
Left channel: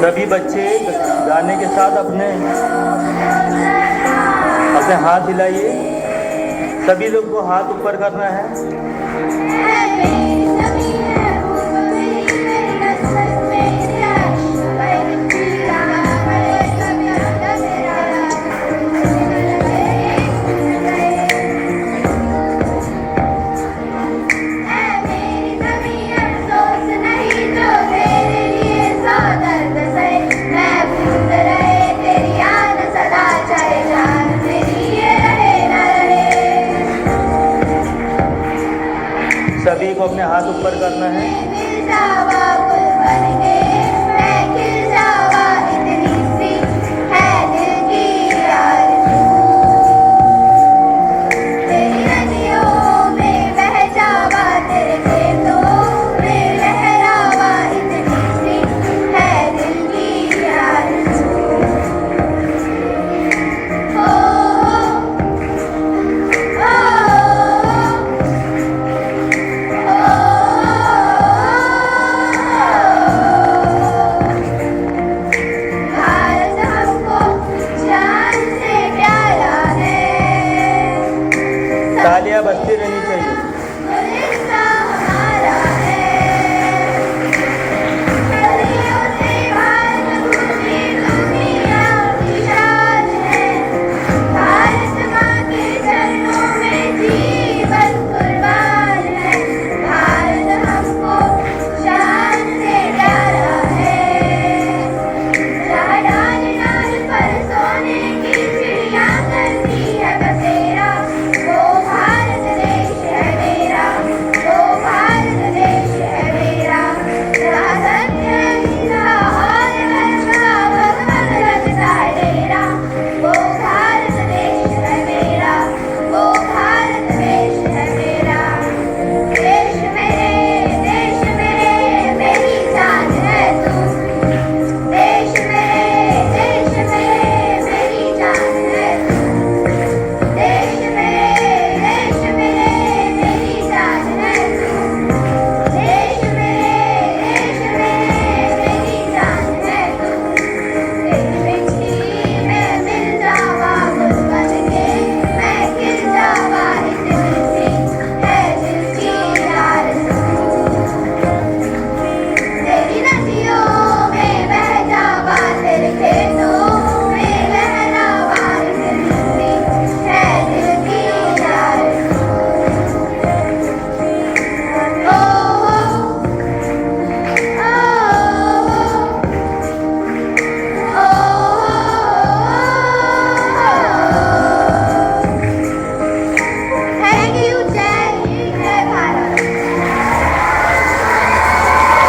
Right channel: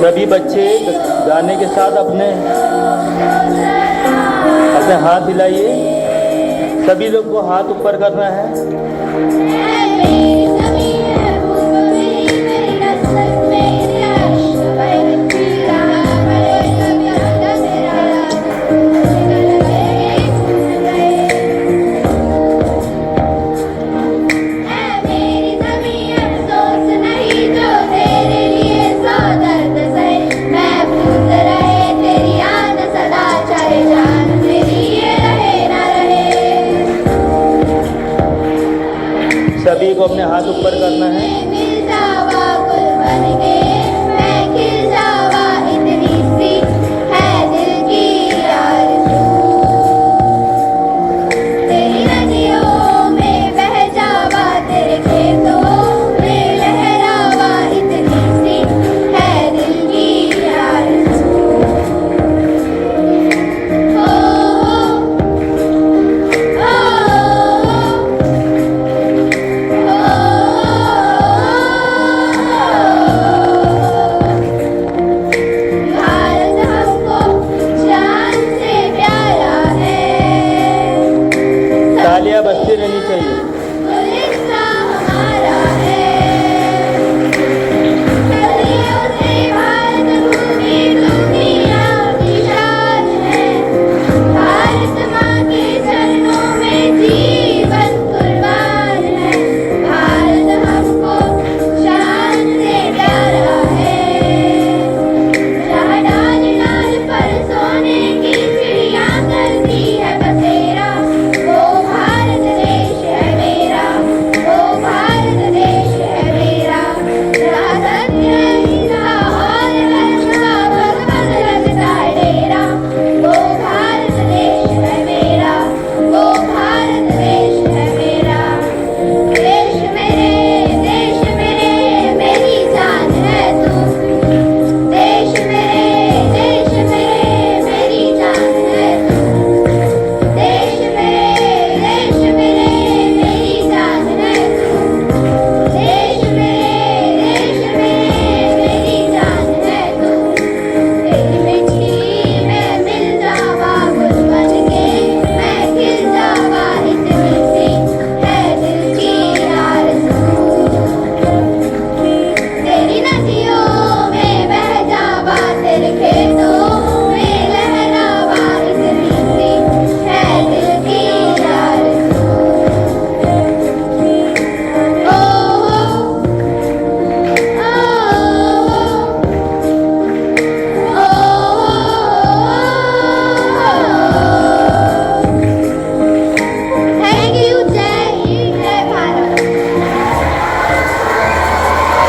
सभी बच्चे गाने के साथ अपने हाथ हिलाइए। सभी लोग को हाथ ऊपर करना है। सभी को अपने हाथ ऊपर करना है। तालियां बजती रहनी चाहिए।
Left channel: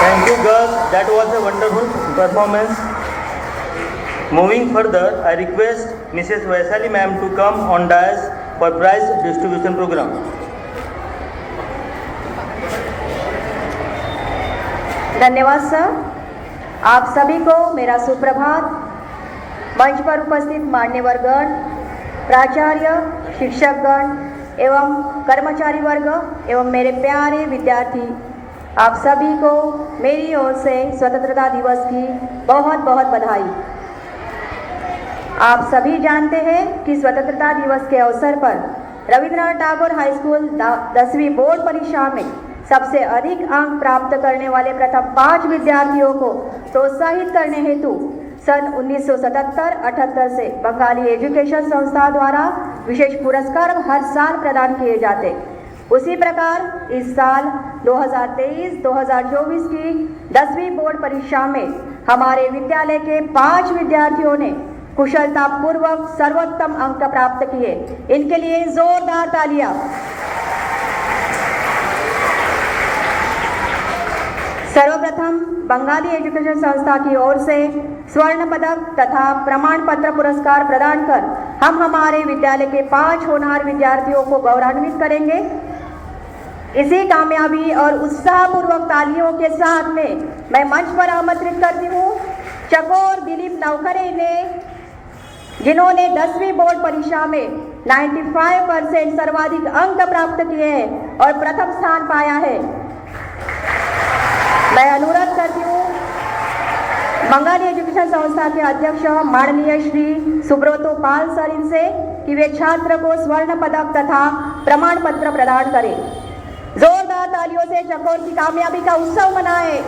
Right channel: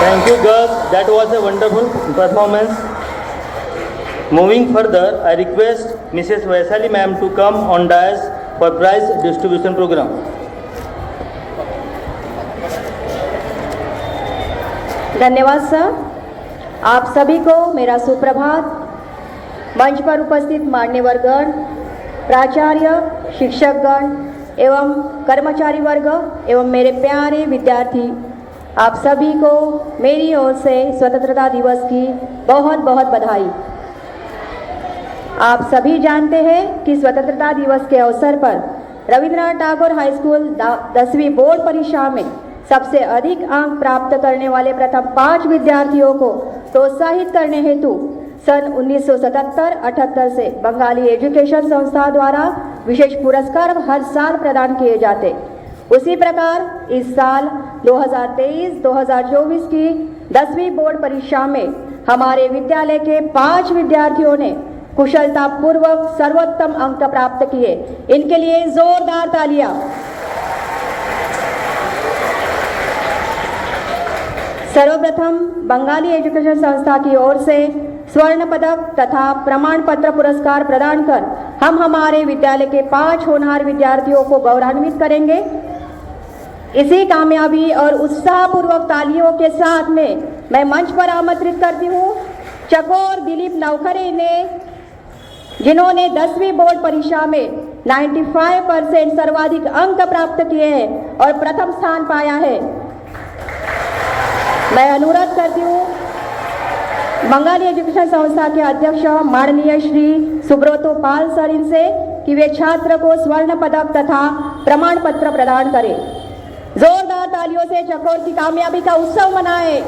Thank you girls, that was a wonderful performance. Moving further, I request Mrs. Vaisali ma'am to come on dais for prize distribution program. धन्यवाद सर। आप सभी को मेरा सुप्रभात। मंच पर उपस्थित मान्यवरगण, प्राचार्य, शिक्षकगण एवं कर्मचारी वर्ग एवं मेरे प्यारे विद्यार्थी, आप सभी को मेरी ओर से स्वतंत्रता दिवस की बहुत बहुत बधाई। आप सभी जानते हैं कि स्वतंत्रता दिवस के अवसर पर रविंद्रनाथ टैगोर हाई स्कूल 10वीं बोर्ड परीक्षा में सबसे अधिक अंक प्राप्त करने वाले प्रथम 5 विद्यार्थियों को प्रोत्साहित करने हेतु सन 1977-78 से बंगाली एजुकेशन संस्था द्वारा विशेष पुरस्कार हर साल प्रदान किए जाते। उसी प्रकार इस साल 2023-2024 की 10वीं बोर्ड परीक्षा में हमारे विद्यालय के 5 विद्यार्थियों ने कुशलता पूर्वक सर्वोत्तम अंक प्राप्त किए। इनके लिए जोरदार तालियां। सर्वप्रथम बंगाली एजुकेशन संस्था की ओर से स्वर्ण पदक तथा प्रमाण पत्र पुरस्कार प्रदान कर हम हमारे विद्यालय के 5 होनहार विद्यार्थियों को गौरवान्वित करेंगे। इसी कामयाबी और उत्साहपूर्वक तालियों के साथ में मैं मंच पर आमंत्रित करती हूँ चकोर दिलीप नवखरे ने, जिन्होंने 10वीं बोर्ड परीक्षा में 95% सर्वाधिक अंक प्राप्त किए हैं और प्रथम स्थान पाया है। मैं अनुरोध करती हूँ बंगाली एजुकेशन संस्था के अध्यक्ष माननीय श्री सुब्रतो पाल सर इनसे कि वे छात्र को स्वर्ण पदक तथा प्रमाण पत्र प्रदान करें। जोरदार तालियों से चकोर की कामयाबी का उत्सव मनाएं।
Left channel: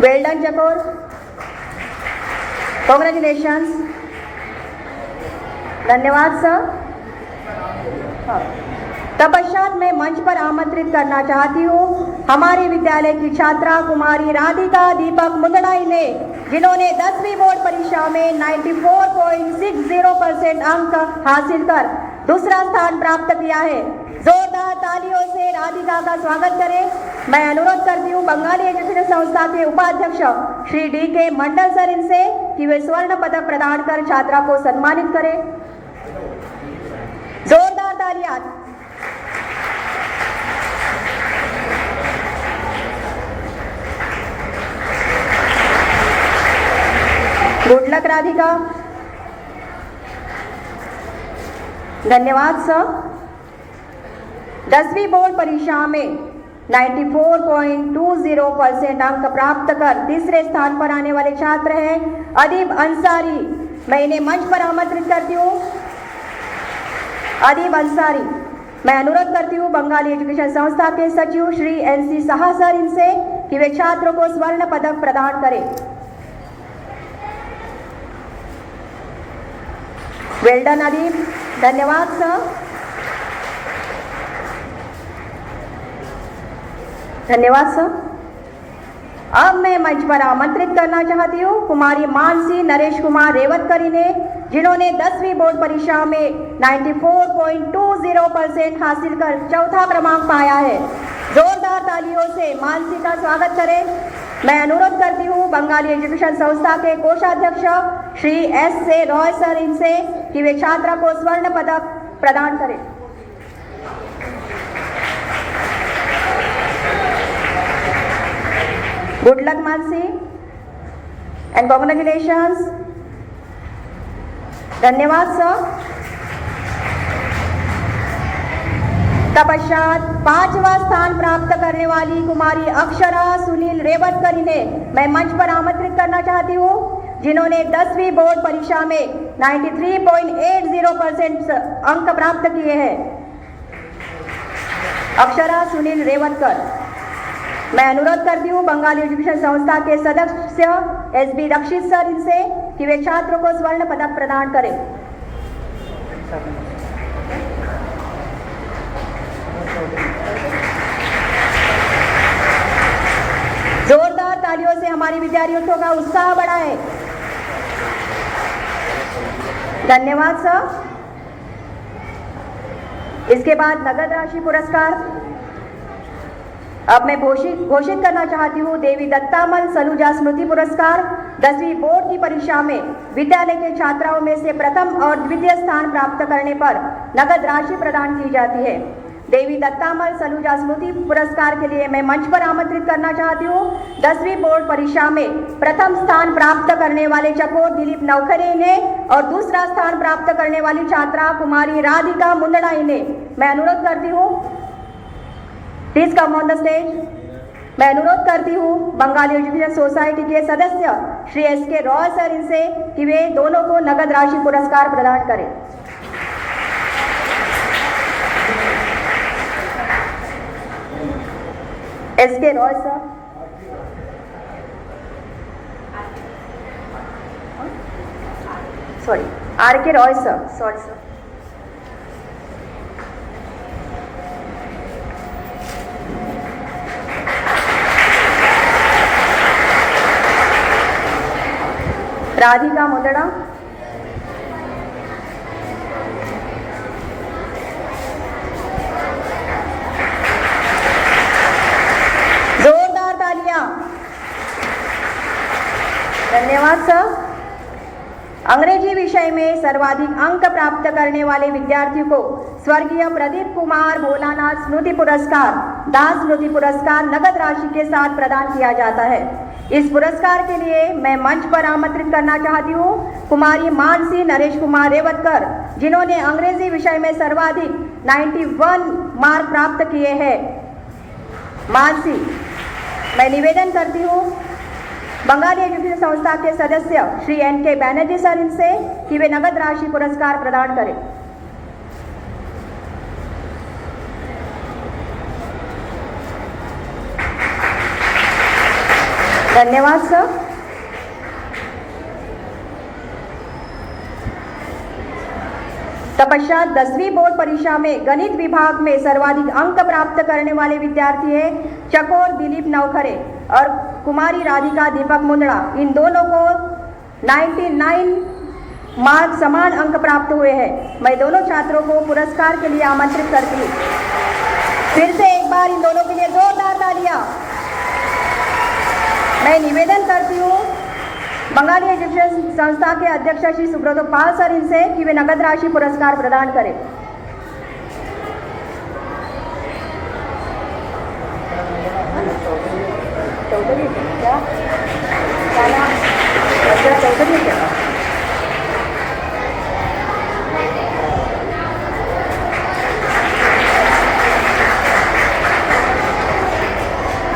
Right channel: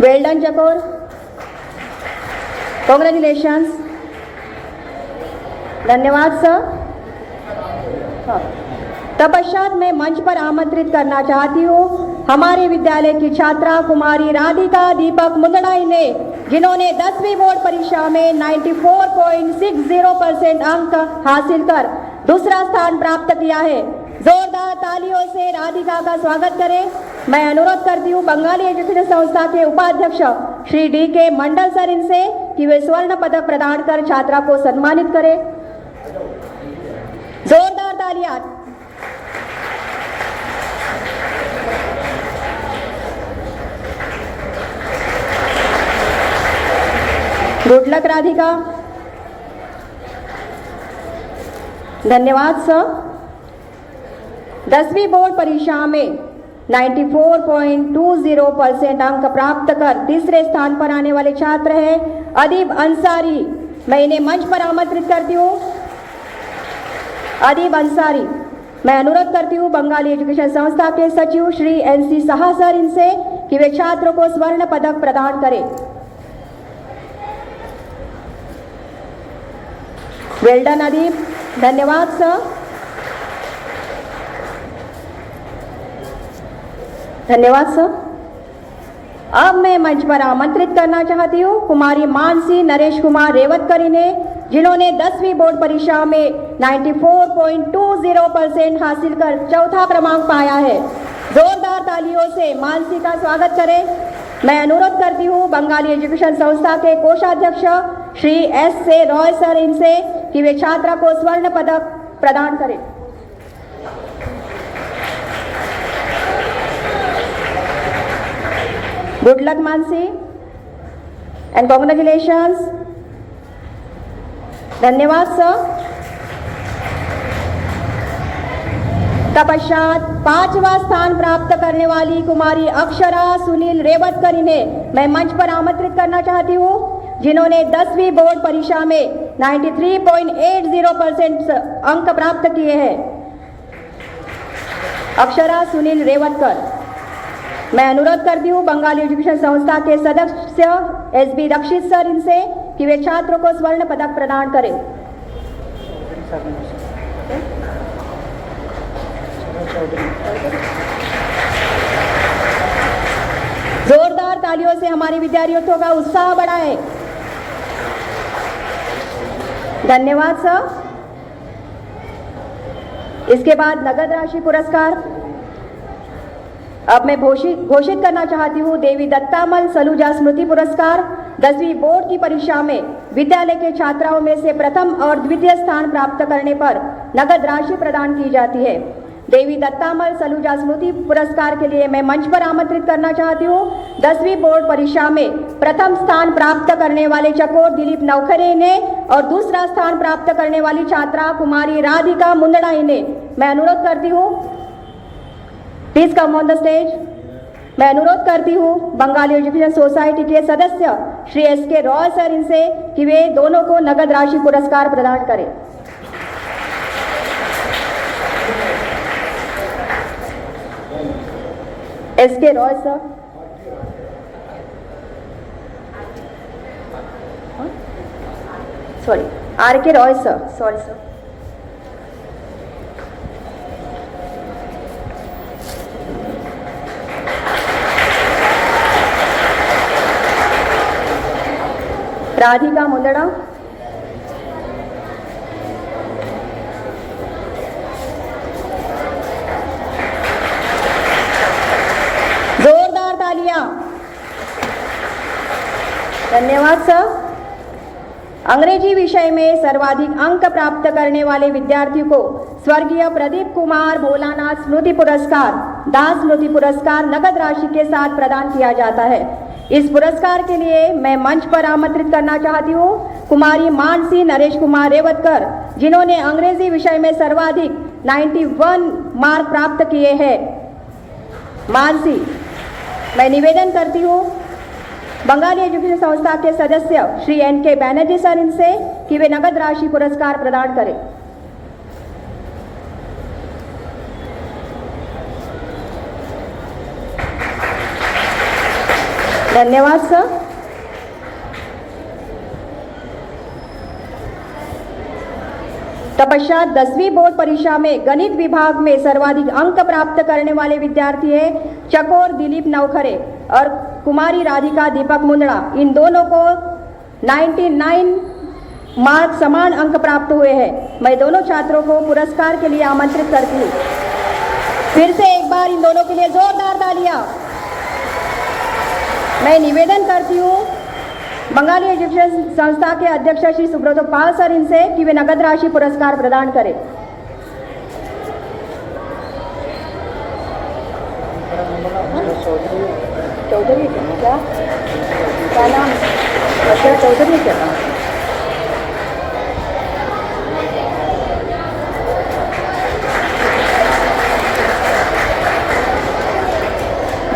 वेल डन चकोर, कॉन्ग्रेचुलेशंस। धन्यवाद सर। तत्पश्चात मैं मंच पर आमंत्रित करना चाहती हूँ हमारे विद्यालय की छात्रा कुमारी राधिका दीपक मुंदड़ाई ने, जिन्होंने 10वीं बोर्ड परीक्षा में 94.60% अंक हासिल कर दूसरा स्थान प्राप्त किया है। जोरदार तालियों से राधिका का स्वागत करें। मैं अनुरोध करती हूँ बंगाली एजुकेशन संस्था के उपाध्यक्ष श्री DK मंडल सर इनसे कि वे स्वर्ण पदक प्रदान कर छात्रा को सम्मानित करें। जोरदार तालियां। Good luck Radhika. धन्यवाद सर। 10वीं बोर्ड परीक्षा में 94.20% अंक प्राप्त कर तीसरे स्थान पर आने वाले छात्र हैं अदीब अंसारी। मैं इन्हें मंच पर आमंत्रित करती हूँ। अदीब अंसारी, मैं अनुरोध करती हूँ बंगाली एजुकेशन संस्था के सचिव श्री NC साहा सर इनसे कि वे छात्रों को स्वर्ण पदक प्रदान करें। वेल डन अदीब। धन्यवाद सर। धन्यवाद सर। अब मैं मंच पर आमंत्रित करना चाहती हूँ कुमारी मानसी नरेश कुमार रेवतकर इन्हें, जिन्होंने 10वीं बोर्ड परीक्षा में 94.20% हासिल कर चौथा क्रमांक पाया है। जोरदार तालियों से मानसी का स्वागत करें। मैं अनुरोध करती हूँ बंगाली एजुकेशन संस्था के कोषाध्यक्ष श्री S.A. रॉय सर इनसे कि वे छात्रा को स्वर्ण पदक प्रदान करें। Good luck Mansi and congratulations. धन्यवाद सर। तत्पश्चात 5वां स्थान प्राप्त करने वाली कुमारी अक्षरा सुनील रेवतकर इन्हें मैं मंच पर आमंत्रित करना चाहती हूँ, जिन्होंने 10वीं बोर्ड परीक्षा में 93.80% अंक प्राप्त किए हैं। अक्षरा सुनील रेवतकर, मैं अनुरोध करती हूँ बंगाली एजुकेशन संस्था के सदस्य SB रक्षित सर इनसे कि वे छात्रों को स्वर्ण पदक प्रदान करें। जोरदार तालियों से हमारे विद्यार्थियों का उत्साह बढ़ाएं। धन्यवाद सर। इसके बाद नगद राशि पुरस्कार अब मैं घोषित करना चाहती हूँ देवी दत्तामल सलूजा स्मृति पुरस्कार। 10वीं बोर्ड की परीक्षा में विद्यालय के छात्राओं में से प्रथम और द्वितीय स्थान प्राप्त करने पर नगद राशि प्रदान की जाती है। देवी दत्तामल सलूजा स्मृति पुरस्कार के लिए मैं मंच पर आमंत्रित करना चाहती हूँ 10वीं बोर्ड परीक्षा में प्रथम स्थान प्राप्त करने वाले चकोर दिलीप नवखरे ने और दूसरा स्थान प्राप्त करने वाली छात्रा कुमारी राधिका मुंदड़ाई ने। मैं अनुरोध करती हूँ please come on the stage. मैं अनुरोध करती हूँ बंगाली एजुकेशन सोसाइटी के सदस्य श्री SK रॉय सर इनसे कि वे दोनों को नगद राशि पुरस्कार प्रदान करें। SK Roy sir. Sorry, R.K. Roy sir, sorry sir. Radhika Mundra, जोरदार तालियां। धन्यवाद सर। अंग्रेजी विषय में सर्वाधिक अंक प्राप्त करने वाले विद्यार्थी को स्वर्गीय प्रदीप कुमार भोलानाथ स्मृति पुरस्कार, दास स्मृति पुरस्कार नगद राशि के साथ प्रदान किया जाता है। इस पुरस्कार के लिए मैं मंच पर आमंत्रित करना चाहती हूँ कुमारी मानसी नरेश कुमार रेवतकर, जिन्होंने अंग्रेजी विषय में सर्वाधिक 91 मार्क प्राप्त किए हैं। मानसी, मैं निवेदन करती हूँ बंगाली एजुकेशन संस्था के सदस्य श्री N.K. बैनर्जी सर इनसे कि वे नगद राशि पुरस्कार प्रदान करें। धन्यवाद सर। तत्पश्चात 10वीं बोर्ड परीक्षा में गणित विभाग में सर्वाधिक अंक प्राप्त करने वाले विद्यार्थी है चकोर दिलीप नवखरे और कुमारी राधिका दीपक मुंदड़ा। इन दोनों को 99 मार्क समान अंक प्राप्त हुए हैं। मैं दोनों छात्रों को पुरस्कार के लिए आमंत्रित करती हूँ। फिर से एक बार इन दोनों के लिए जोरदार तालियां। मैं निवेदन करती हूँ बंगाली एजुकेशन संस्था के अध्यक्ष श्री सुब्रत पाल सर इनसे कि वे नगद राशि पुरस्कार प्रदान करें। चौधरी क्या चौधरी क्या?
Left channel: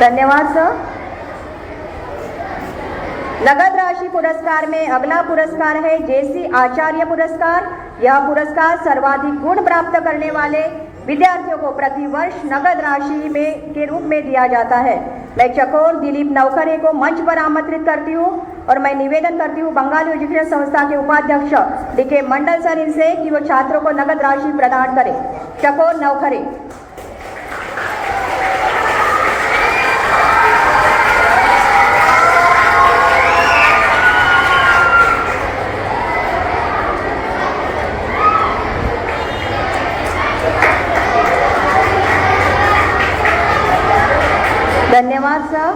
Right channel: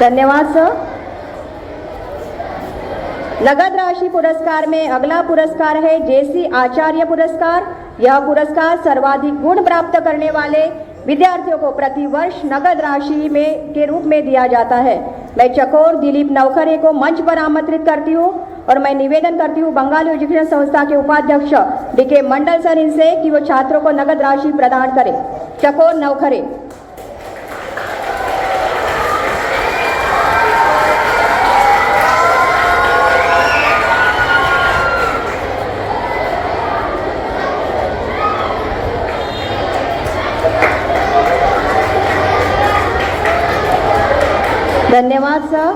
धन्यवाद सर। नगद राशि पुरस्कार में अगला पुरस्कार है जेसी आचार्य पुरस्कार। यह पुरस्कार सर्वाधिक गुण प्राप्त करने वाले विद्यार्थियों को प्रतिवर्ष नगद राशि में के रूप में दिया जाता है। मैं चकोर दिलीप नवखरे को मंच पर आमंत्रित करती हूँ और मैं निवेदन करती हूँ बंगाली एजुकेशन संस्था के उपाध्यक्ष D.K. मंडल सर इनसे कि वो छात्रों को नगद राशि प्रदान करें। चकोर नवखरे। धन्यवाद सर।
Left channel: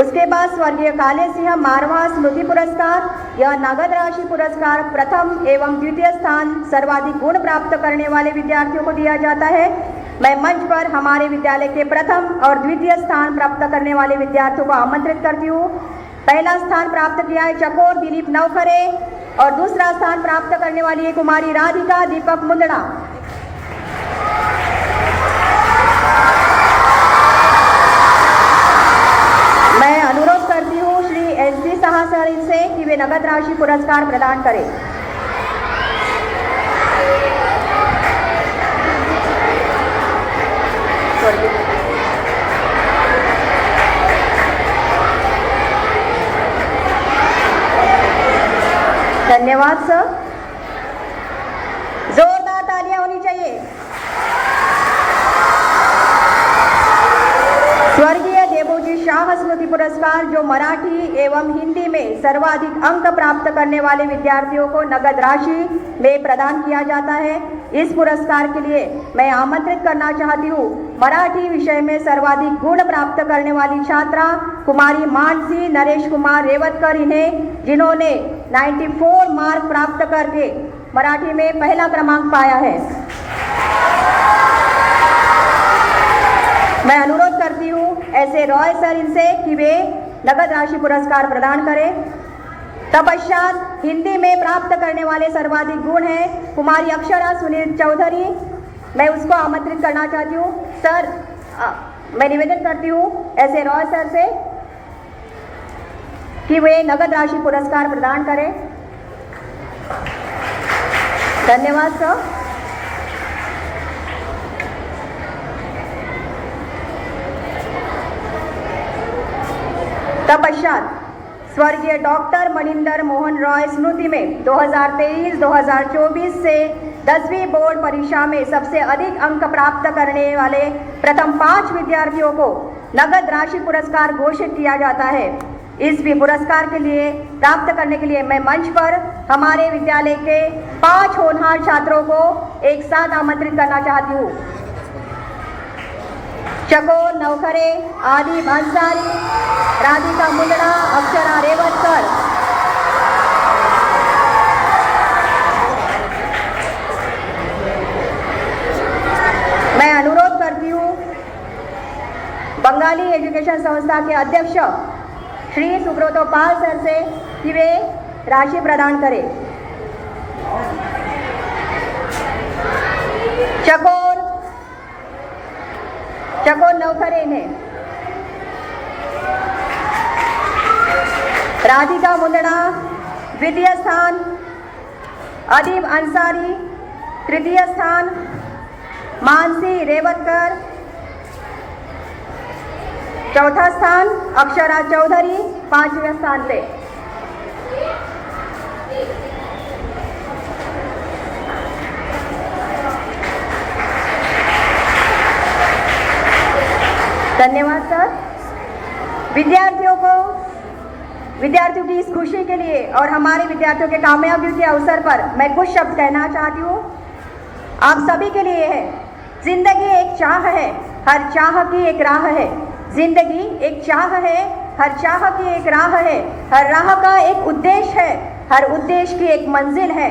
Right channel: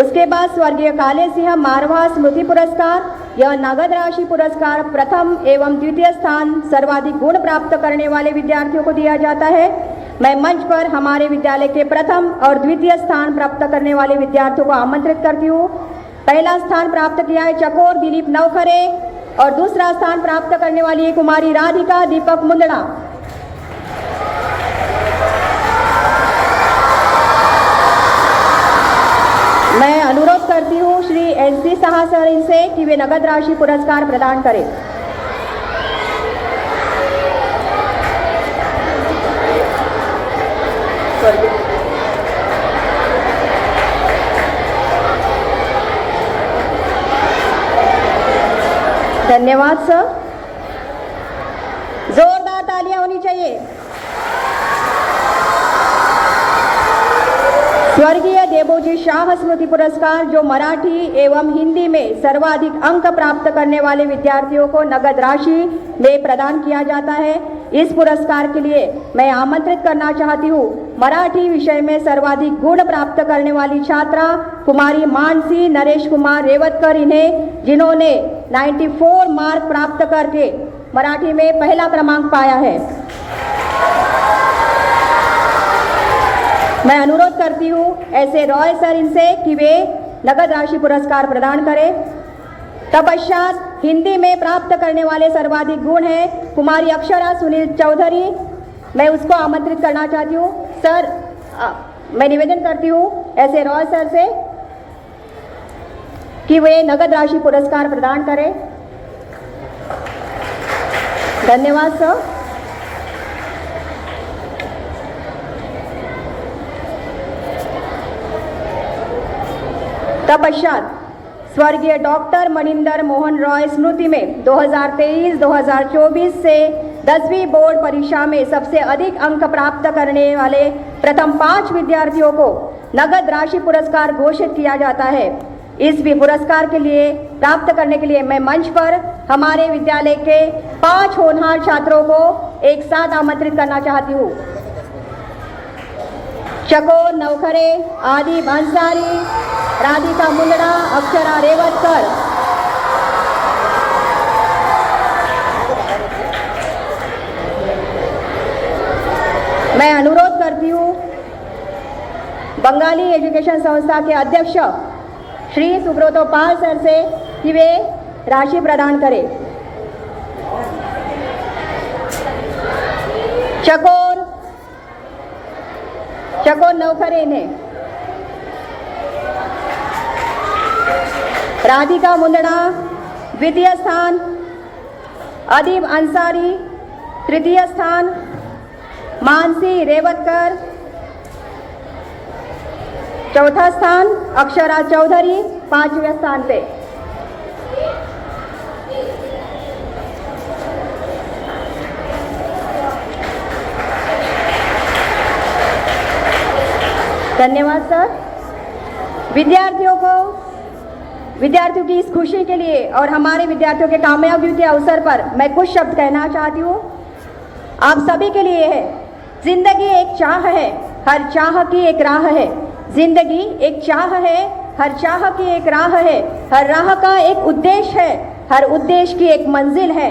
उसके बाद स्वर्गीय काले सिंह मारवा स्मृति पुरस्कार। यह नगद राशि पुरस्कार प्रथम एवं द्वितीय स्थान सर्वाधिक गुण प्राप्त करने वाले विद्यार्थियों को दिया जाता है। मैं मंच पर हमारे विद्यालय के प्रथम और द्वितीय स्थान प्राप्त करने वाले विद्यार्थियों को आमंत्रित करती हूँ। पहला स्थान प्राप्त किया है चकोर दिलीप नवखरे और दूसरा स्थान प्राप्त करने वाली है कुमारी राधिका दीपक मुंदड़ा। मैं अनुरोध करती हूँ श्री N.C. साहा सर इनसे कि वे नगद राशि पुरस्कार प्रदान करें। धन्यवाद सर। जोरदार तालियां होनी चाहिए। स्वर्गीय देवोजी शाह स्मृति पुरस्कार जो मराठी एवं हिंदी में सर्वाधिक अंक प्राप्त करने वाले विद्यार्थियों को नगद राशि में प्रदान किया जाता है। इस पुरस्कार के लिए मैं आमंत्रित करना चाहती हूँ मराठी विषय में सर्वाधिक गुण प्राप्त करने वाली छात्रा कुमारी मानसी नरेश कुमार रेवतकर इन्हें, जिन्होंने 94 मार्क प्राप्त करके मराठी में पहला क्रमांक पाया है। मैं अनुरोध करती हूँ ऐसे रॉय सर इनसे कि वे नगद राशि पुरस्कार प्रदान करें। तत्पश्चात हिंदी में प्राप्त करने वाले सर्वाधिक गुण है कुमारी अक्षरा सुनील चौधरी। मैं उसको आमंत्रित करना चाहती हूँ। सर, मैं निवेदन करती हूँ ऐसे रॉय सर से कि वे नगद राशि पुरस्कार प्रदान करें। धन्यवाद सर। तत्पश्चात स्वर्गीय डॉक्टर मनिंदर मोहन रॉय स्मृति में 2023-2024 से 10वीं बोर्ड परीक्षा में सबसे अधिक अंक प्राप्त करने वाले प्रथम 5 विद्यार्थियों को नगद राशि पुरस्कार घोषित किया जाता है। इस भी पुरस्कार के लिए प्राप्त करने के लिए मैं मंच पर हमारे विद्यालय के 5 होनहार छात्रों को एक साथ आमंत्रित करना चाहती हूँ। चकोर नवखरे, आदि अंसारी, राधिका मुंदड़ा, अक्षरा रेवतकर। मैं अनुरोध करती हूँ बंगाली एजुकेशन संस्था के अध्यक्ष श्री सुब्रतो पाल सर से कि वे राशि प्रदान करें। चकोर नवखरे ने, राधिका मुंदड़ा द्वितीय स्थान, अदीब अंसारी तृतीय स्थान, मानसी रेवतकर चौथा स्थान, अक्षरा चौधरी 5वें स्थान पे। धन्यवाद सर। विद्यार्थियों की इस खुशी के लिए और हमारे विद्यार्थियों के कामयाबी के अवसर पर मैं कुछ शब्द कहना चाहती हूँ। आप सभी के लिए है, जिंदगी एक चाह है, हर चाह की एक राह है। जिंदगी एक चाह है, हर चाह की एक राह है। हर राह का एक उद्देश्य है, हर उद्देश्य की एक मंजिल है।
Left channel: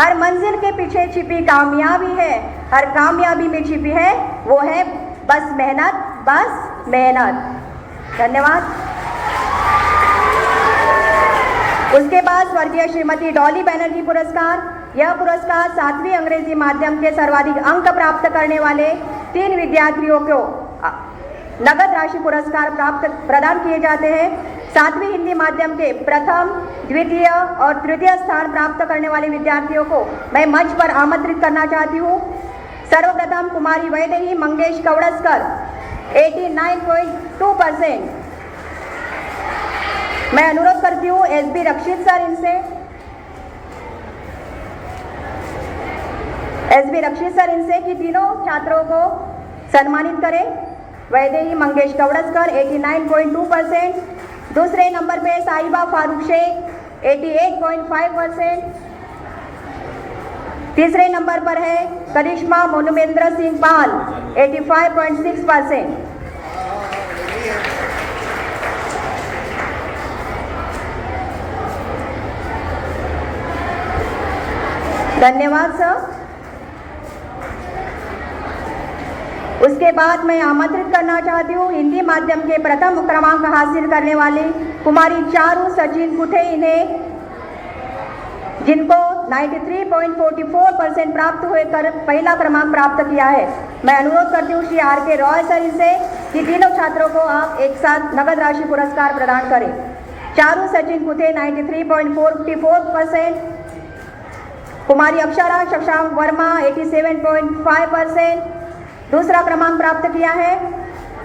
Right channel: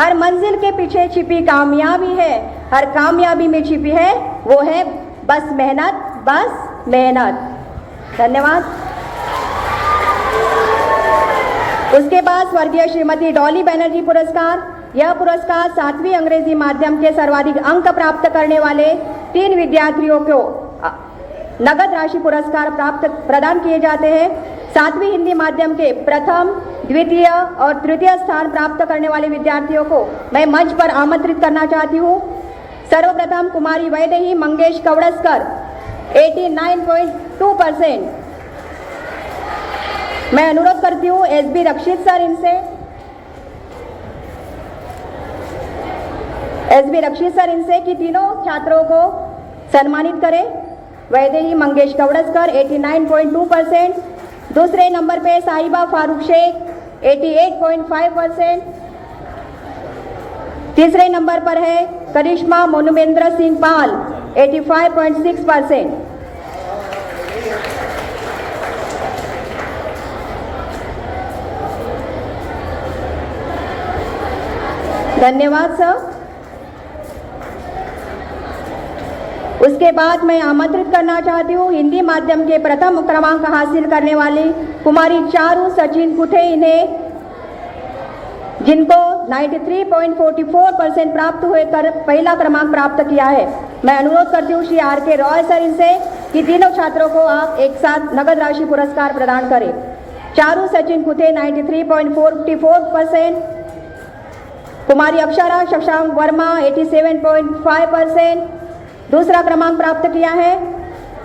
हर मंजिल के पीछे छिपी कामयाबी है, हर कामयाबी में छिपी है वो है बस मेहनत, बस मेहनत। धन्यवाद। उसके बाद स्वर्गीय श्रीमती डॉली बनर्जी पुरस्कार। यह पुरस्कार 7वीं अंग्रेजी माध्यम के सर्वाधिक अंक प्राप्त करने वाले 3 विद्यार्थियों को नगद राशि पुरस्कार प्रदान किए जाते हैं। 7वीं हिंदी माध्यम के प्रथम, द्वितीय और तृतीय स्थान प्राप्त करने वाले विद्यार्थियों को मैं मंच पर आमंत्रित करना चाहती हूँ। सर्वप्रथम कुमारी वैदेही मंगेश कवड़स्कर 89.2%। मैं अनुरोध करती हूँ SB रक्षित सर इनसे कि तीनों छात्रों को सम्मानित करें। वैदेही मंगेश कवड़स्कर 89.2%, दूसरे नंबर पे साहिबा फारूक शेख 88.5%, तीसरे नंबर पर है करिश्मा मोनुमेंद्र सिंह पाल 85.6%। धन्यवाद सर। उसके बाद मैं आमंत्रित करना चाहती हूँ हिंदी माध्यम के प्रथम क्रमांक हासिल करने वाली कुमारी चारू सचिन कुथे, इन्हें जिनको 93.44% प्राप्त हुए कर पहला क्रमांक प्राप्त किया है। मैं अनुरोध करती हूँ श्री RK रॉय सर इनसे कि तीनों छात्रों को आप एक साथ नगद राशि पुरस्कार प्रदान करें। चारू सचिन कुथे 93.44%, कुमारी अक्षरा शशांक वर्मा 87.5%, दूसरा क्रमांक प्राप्त किया है।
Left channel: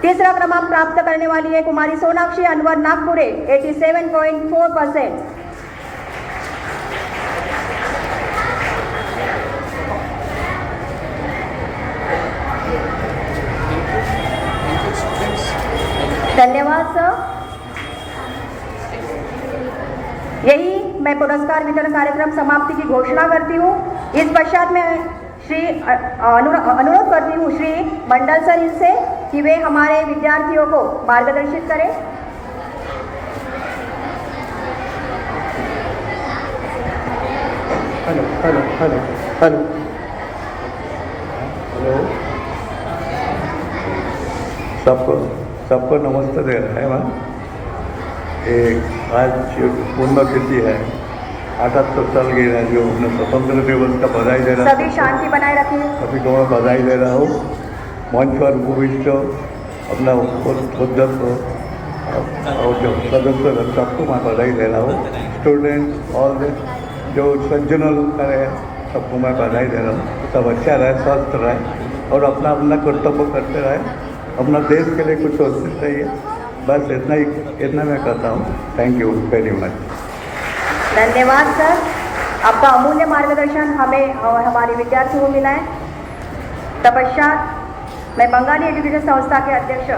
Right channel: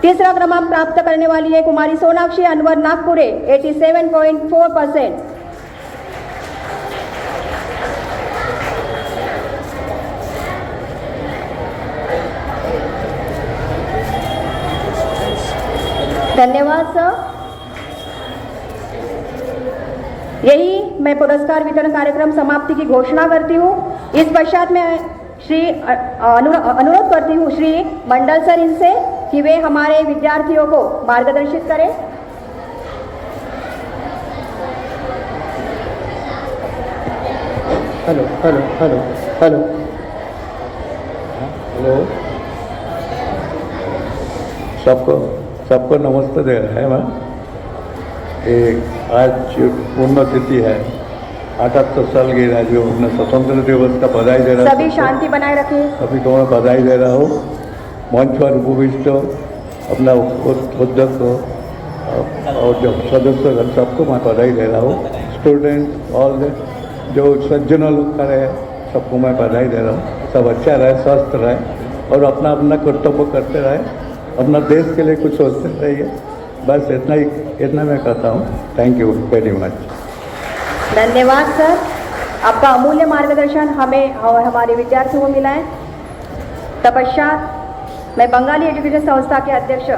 तीसरा क्रमांक प्राप्त करने वाली है कुमारी सोनाक्षी अनवर नागपुरे 87.4%। धन्यवाद सर। यही मैं पुरस्कार वितरण कार्यक्रम समाप्ति की घोषणा करती हूँ। इस पश्चात मैं अनुरोध करती हूँ श्री मंडल सर इनसे कि वे हमारे विद्यार्थियों को मार्गदर्शित करें। हेलो सबको नमस्ते दे रहा है मैम। आज पुण्यतिथि है 78 साल की राज्यों में स्वतंत्र दिवस का बधाई दे रहा हूँ। सभी शांति बनाए रखें। सभी को मैं बधाई दे रहा हूँ। मंच पर उपविष्ट अपना सदस्य और जो सदस्य सबको मैं बधाई दे रहा हूँ। स्टूडेंट और जो सज्जनल करे सबको मैं बधाई दे रहा हूँ। सब अच्छा रहे, स्वस्थ रहे और अपना अपना कर्तव्य करते रहे। अपना देश के लिए कुछ सोचना चाहिए। बस इतना मैं कहता हूँ। Thank you very much. धन्यवाद सर, आपका अमूल्य मार्गदर्शन हमें और हमारे विद्यार्थियों को मिला है। तत्पश्चात मैं बंगाली एजुकेशन संस्था के अध्यक्ष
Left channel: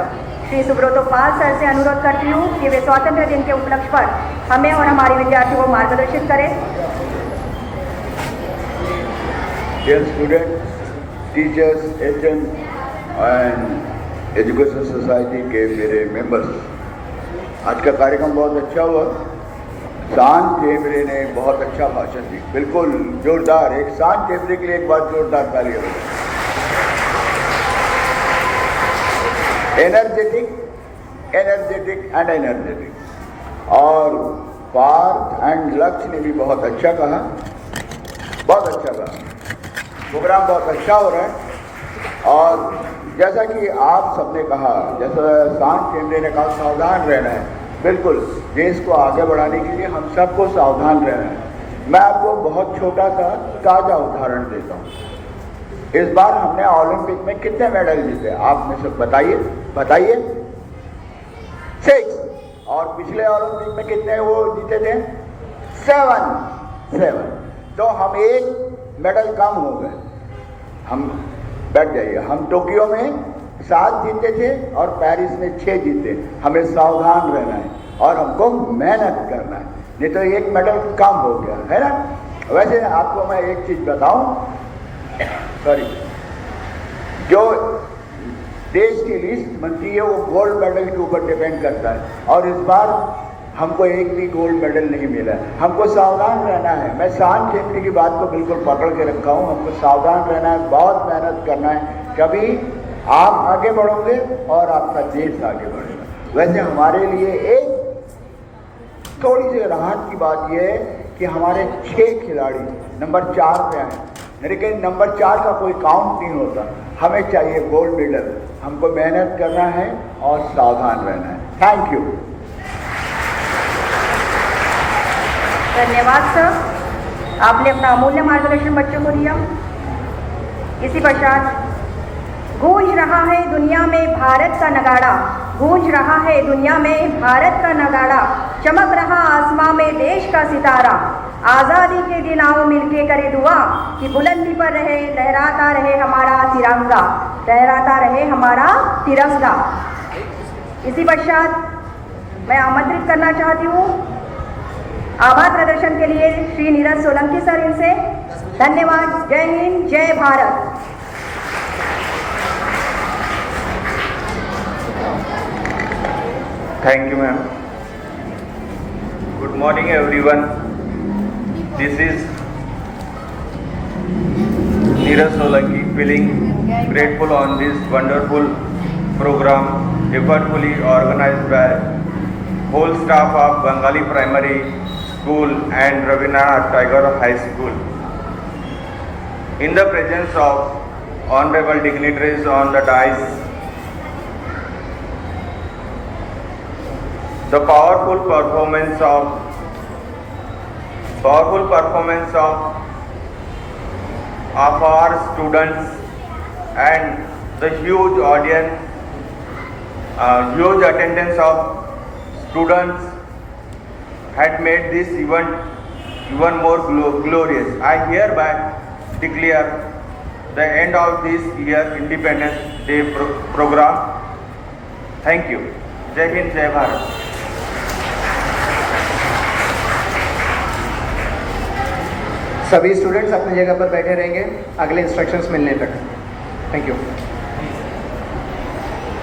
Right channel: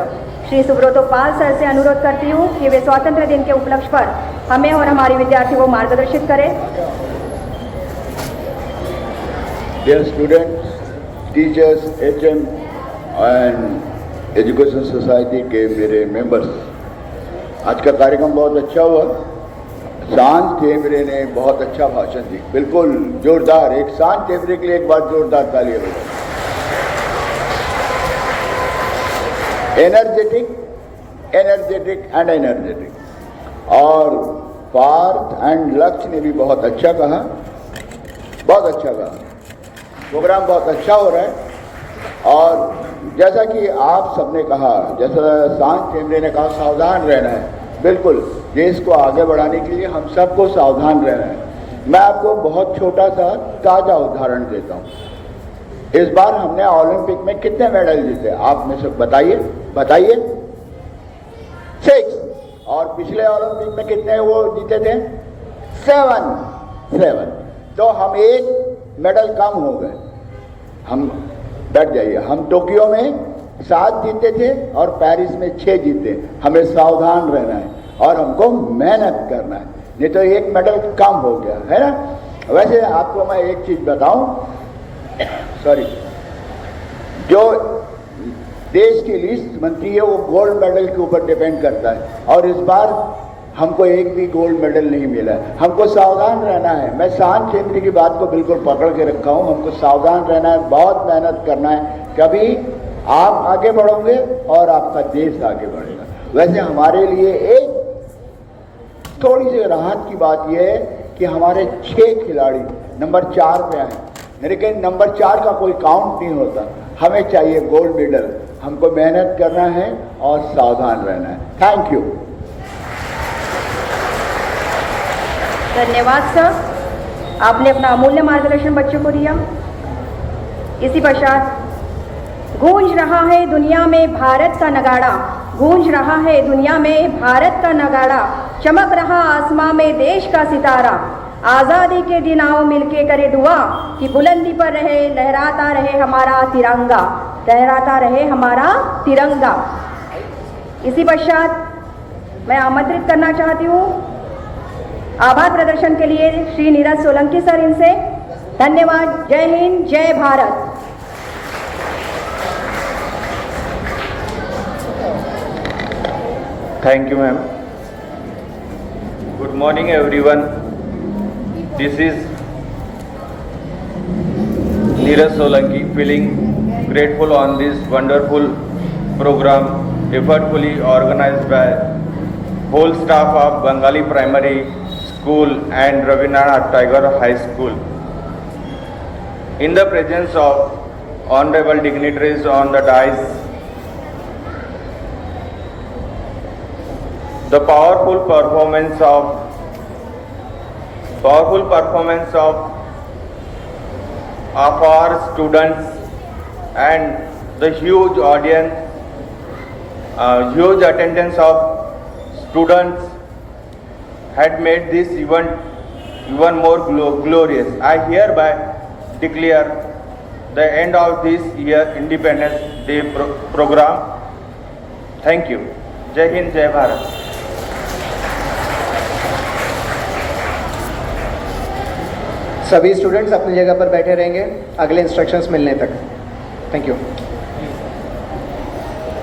श्री सुब्रतो पाल सर से अनुरोध करती हूँ कि वे स्वातंत्र्य दिन के उपलक्ष्य पर हमें और हमारे विद्यार्थियों को मार्गदर्शित करें। Dear students, teachers, HM and education society के मेरे मेंबर्स, आज का कार्यक्रम बहुत अच्छा हुआ। शांत टेमरे ने बहुत अच्छा भाषण दी, बिल्कुल जोरदार। एक शांत टेमरे के लिए एक बार जोरदार तालियां बजाएं। एनर्जेटिक और पार्थ एंड लक्ष्य ने भी बहुत अच्छा कहा, बहुत अच्छा कहा। प्रोग्राम बहुत अच्छा हो रहा है। और जैसा कि आप सबने कहा, जैसा शांत टेमरे ने कहा, सावधान रहना है। बिल्कुल, देश को आगे बढ़ाने के लिए हम सबको सावधान रहना है। मैं आपको बहुत छोटा सा ताज़ा उदाहरण देता हूँ। इस बार हमने ओलंपिक में कितने मेडल जीते आप में सब बताइए 6। और पिछले ओलंपिक में कितने वो जीते थे? 7। तो हम एक मेडल कम हो गए। हम बैठ जाइए, हम टोक्यो में 7 जीते थे और पेरिस में 6 जीते। हमें सावधान रहना है और हमको मेहनत करना है, नहीं तो एक मेडल कम हो गया है ना। वैसे आपको मैं एक चीज बताऊं, सॉरी, जो देश की लिस्ट बनती है वो गोल्ड मेडल के ऊपर डिपेंड करता है। और इस बार हमको एक भी गोल्ड मेडल नहीं मिला। हमको सावधान रहना है। मैं शांत टेमरे की बात को बिल्कुल पकड़ के रखा हूँ। हमको सावधान रहना है, बहुत मेहनत करना है। कभी आप आगे बढ़ोगे और आपका देश आगे बढ़ेगा। वैसे हमारे लिए एक थोड़ी सी राहत की बात यह है कि हमारे 6 खिलाड़ी नंबर 4 पे आए, लेकिन नंबर 4 का कोई काउंट नहीं होता। हमें चाहिए गोल्ड मेडल। हमको मेहनत करना है और सावधान रहना है। Thank you. धन्यवाद सर, आपने अपना अमूल्य मार्गदर्शन बच्चों को दिया। इसी पश्चात गूंज रहा है दुनिया में भारत का नगाड़ा, गूंज रहा है दुनिया में भारत का नगाड़ा, चमक रहा आसमां में देश का सितारा। आज़ादी के दिन आओ मिलके करे दुआ कि बुलंदी पर रहे, लहराता रहे हमारा तिरंगा, लहराता रहे हमारा तिरंगा। इसी पश्चात मैं आमंत्रित करना चाहती हूँ आभार प्रदर्शन के लिए श्री नीरज सोलंकी सर इनसे। धन्यवाद। जय हिंद, जय Bharat. Thank you, ma'am. Good morning, everyone. This is Neeraj Solanki, feeling grateful on this wonderful program effortfully organized by whole staff of Bengali Primary School and Rabindranath Tagore High School. In the presence of honorable dignitaries on the dais, the powerful performance of our students and the huge audience, huge attendance of students had made this event even more glorious. I hereby declare the end of this year Independence Day program. Thank you. जय हिंद, जय भारत। सभी स्टूडेंट्स अपनी जगह पर बैठे रहेंगे अगले इंस्ट्रक्शंस मिलने तक। Thank you.